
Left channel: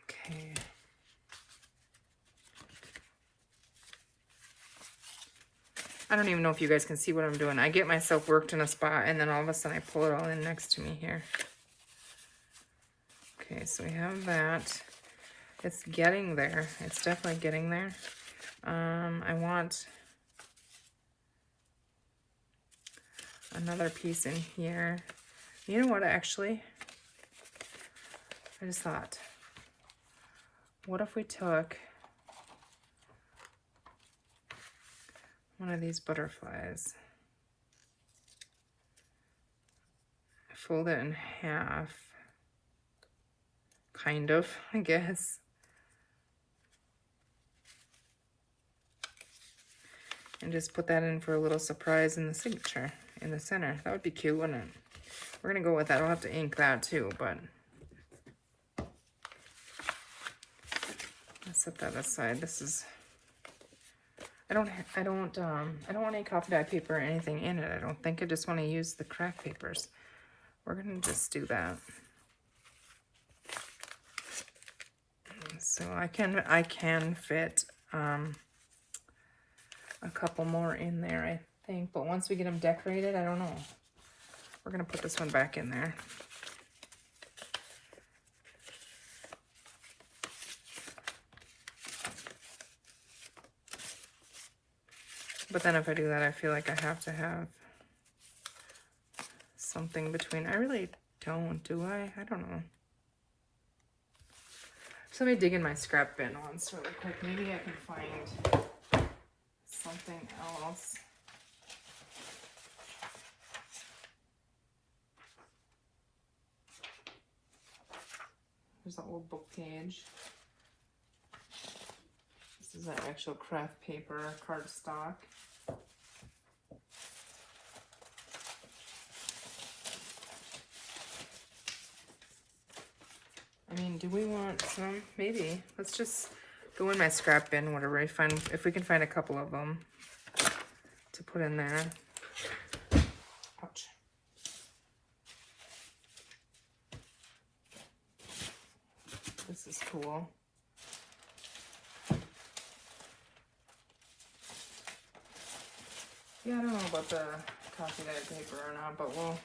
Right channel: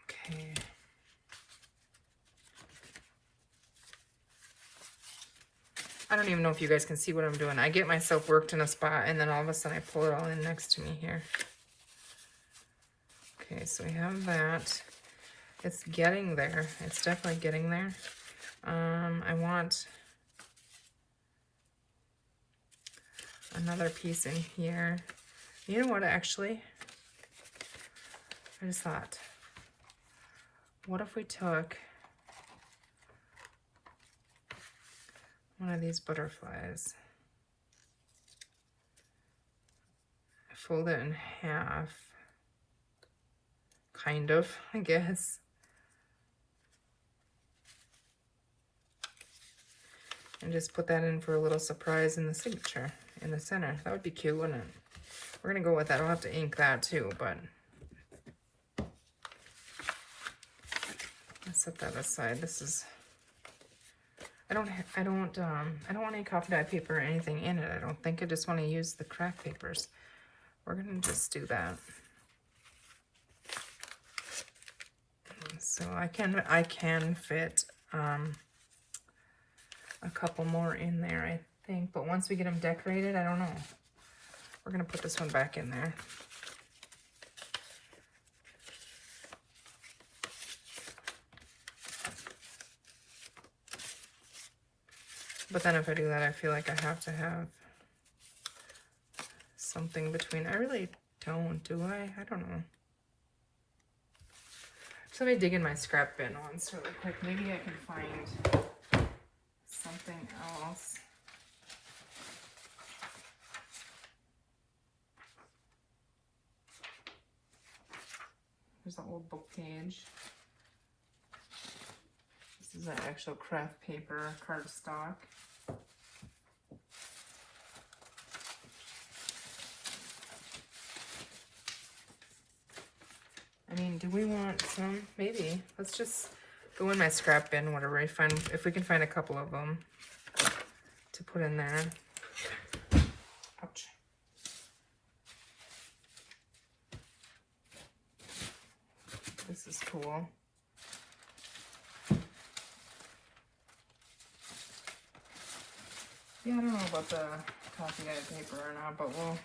Okay. I don't even know if you guys can see what I'm doing. I get myself worked in a spot and then all of a sudden I pull it all in next to me here. Okay, so we have that. It's getting there. It's definitely getting there. I want another piece in here. You know what, actually? I just thought, what if we took one of these butterflies, fold it in half, kind of, I guess. And just put that in for a little surprise in the signature, in the center. That would be cute, wouldn't it? We're gonna go with that. I'll have to ink that too, but let's set that aside. This is, I don't want any coffee dye paper or anything in it. I don't think. I just want to use the craft papers. We're gonna just do that. So I can fit a couple more in there, I think. But once we get them decorated, I don't know. We're gonna put this one back in there. But then if I do that, I feel like I have to have something between. I really don't, do I? I don't know. So let me dig in my scrap bin once really quick. Maybe I can find something else. There's an old book page. This is an actual craft paper cardstock. I mean, do we want some? Maybe. Let's just go in my scrap bin, whatever I find, if we can find a couple of them to put in there. Ouch. This is cool. Yeah, I don't know about the coffee dyed paper or not, but we'll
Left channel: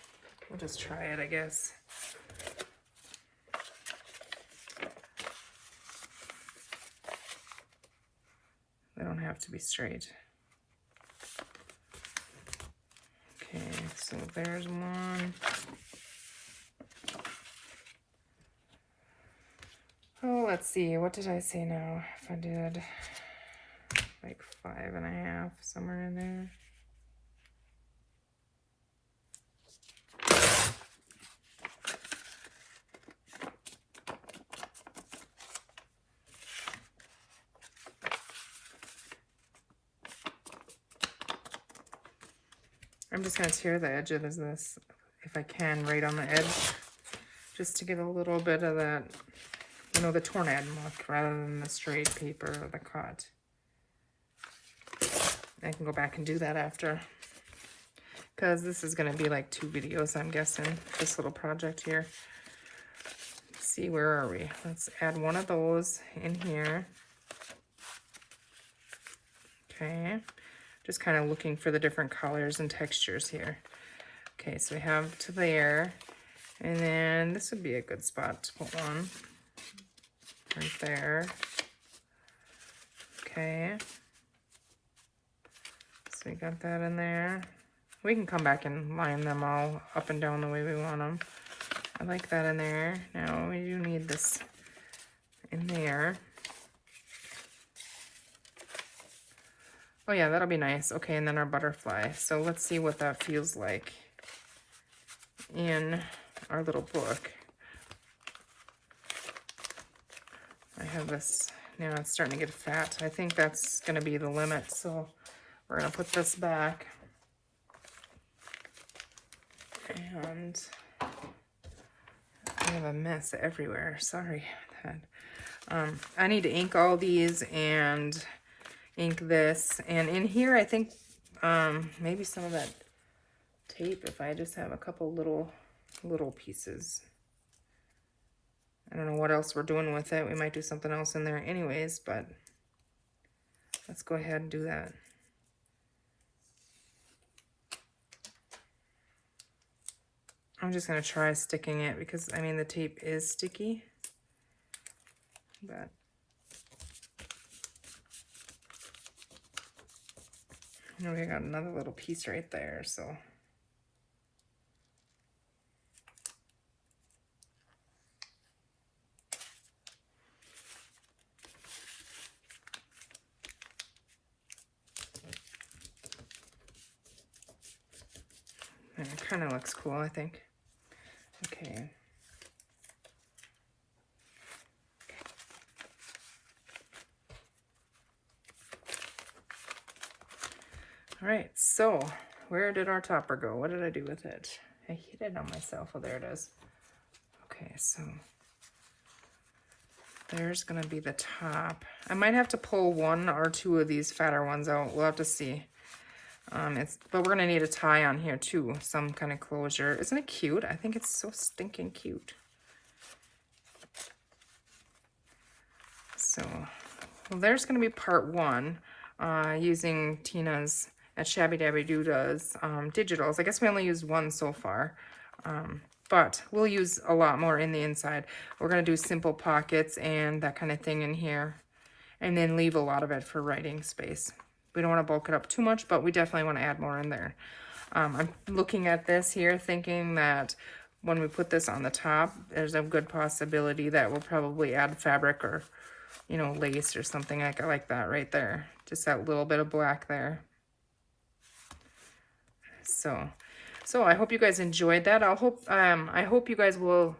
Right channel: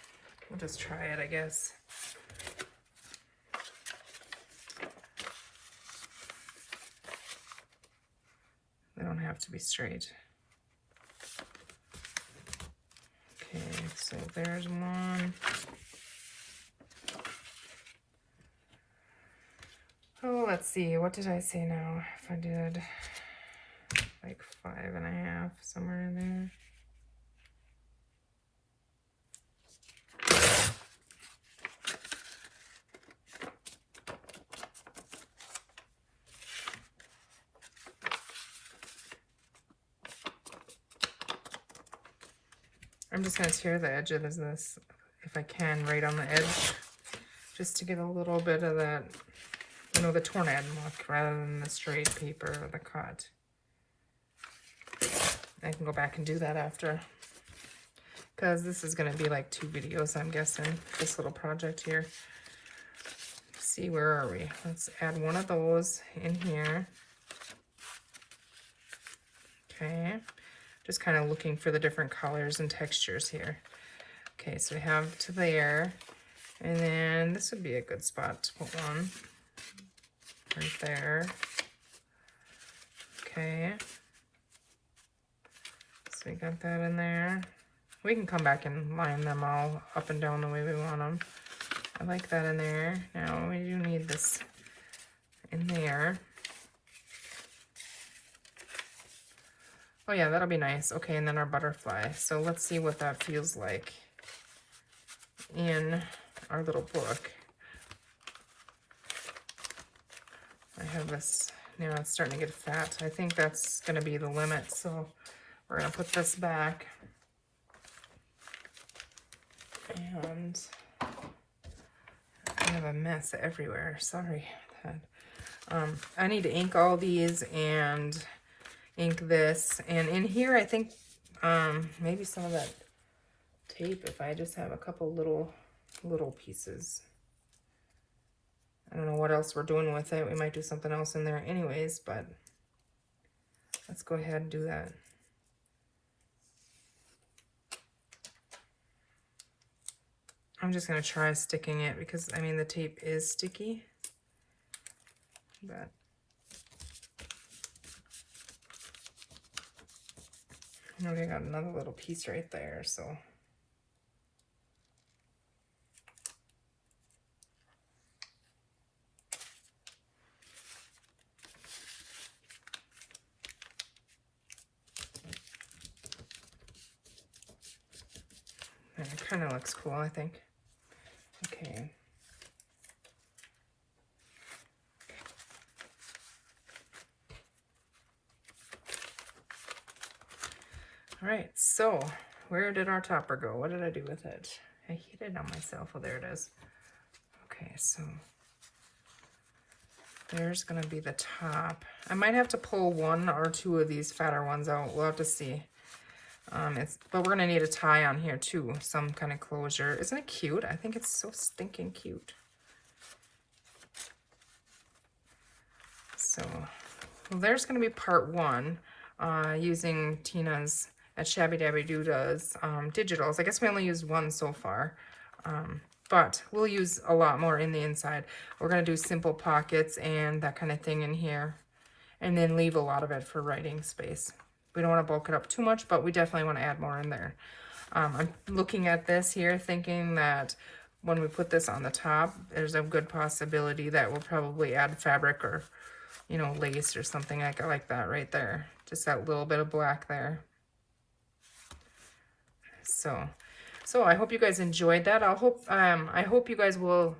just try it, I guess. They don't have to be straight. Okay, so there's one. Oh, let's see. What did I say now? If I did like 5.5, somewhere in there. I'm just going to tear the edge of this, if I can, right on the edge, just to give a little bit of that, you know, the tornado look, rather than the straight paper or the cut. I can go back and do that after, because this is going to be like 2 videos, I'm guessing, this little project here. Let's see, where are we? Let's add one of those in here. Okay. Just kind of looking for the different colors and textures here. Okay, so we have to there, and then this would be a good spot to put one right there. Okay, so we got that in there. We can come back and line them all up and down the way we want them. I like that in there. Now we do need this in there. Oh yeah, that'll be nice. Okay, and then our butterfly. So let's see what that feels like in our little book. I have this, now it's starting to get fat. I think that's gonna be the limit, so we're gonna put this back. And I have a mess everywhere, sorry. I need to ink all these and ink this, and in here I think maybe some of that tape, if I just have a couple little pieces. I don't know what else we're doing with it. We might do something else in there anyways, but let's go ahead and do that. I'm just going to try sticking it because, I mean, the tape is sticky, but we got another little piece right there, so. It kind of looks cool, I think. Okay. All right, so where did our topper go? What did I do with it? I hit it on myself. Oh, there it is. Okay, so there's gonna be the top. I might have to pull 1 or 2 of these fatter ones out. We'll have to see. But we're gonna need a tie on here too, some kind of closure. Isn't it cute? I think it's so stinking cute. So, well, there's gonna be part 1, using Tina's at Shabby Dabby Dooda's digitals. I guess we only used 1 so far, but we'll use a lot more in the inside. We're gonna do simple pockets and that kind of thing in here, and then leave a lot of it for writing space. We don't want to bulk it up too much, but we definitely want to add more in there. I'm looking at this here thinking that when we put this on the top, there's a good possibility that we'll probably add fabric or, you know, lace or something like that right there. Just that little bit of black there. So I hope you guys enjoyed that. I hope you guys will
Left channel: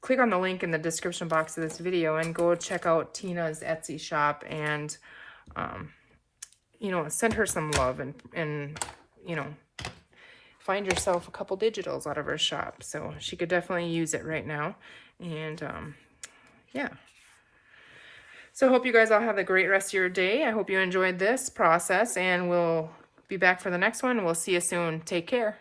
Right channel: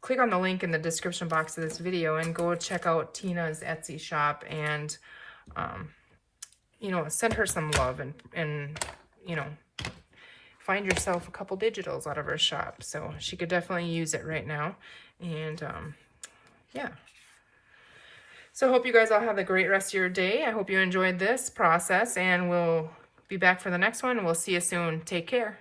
click on the link in the description box of this video and go check out Tina's Etsy shop and, you know, send her some love and, you know, find yourself a couple digitals out of her shop. So she could definitely use it right now. And, yeah. So I hope you guys all have a great rest of your day. I hope you enjoyed this process, and we'll be back for the next one. We'll see you soon. Take care.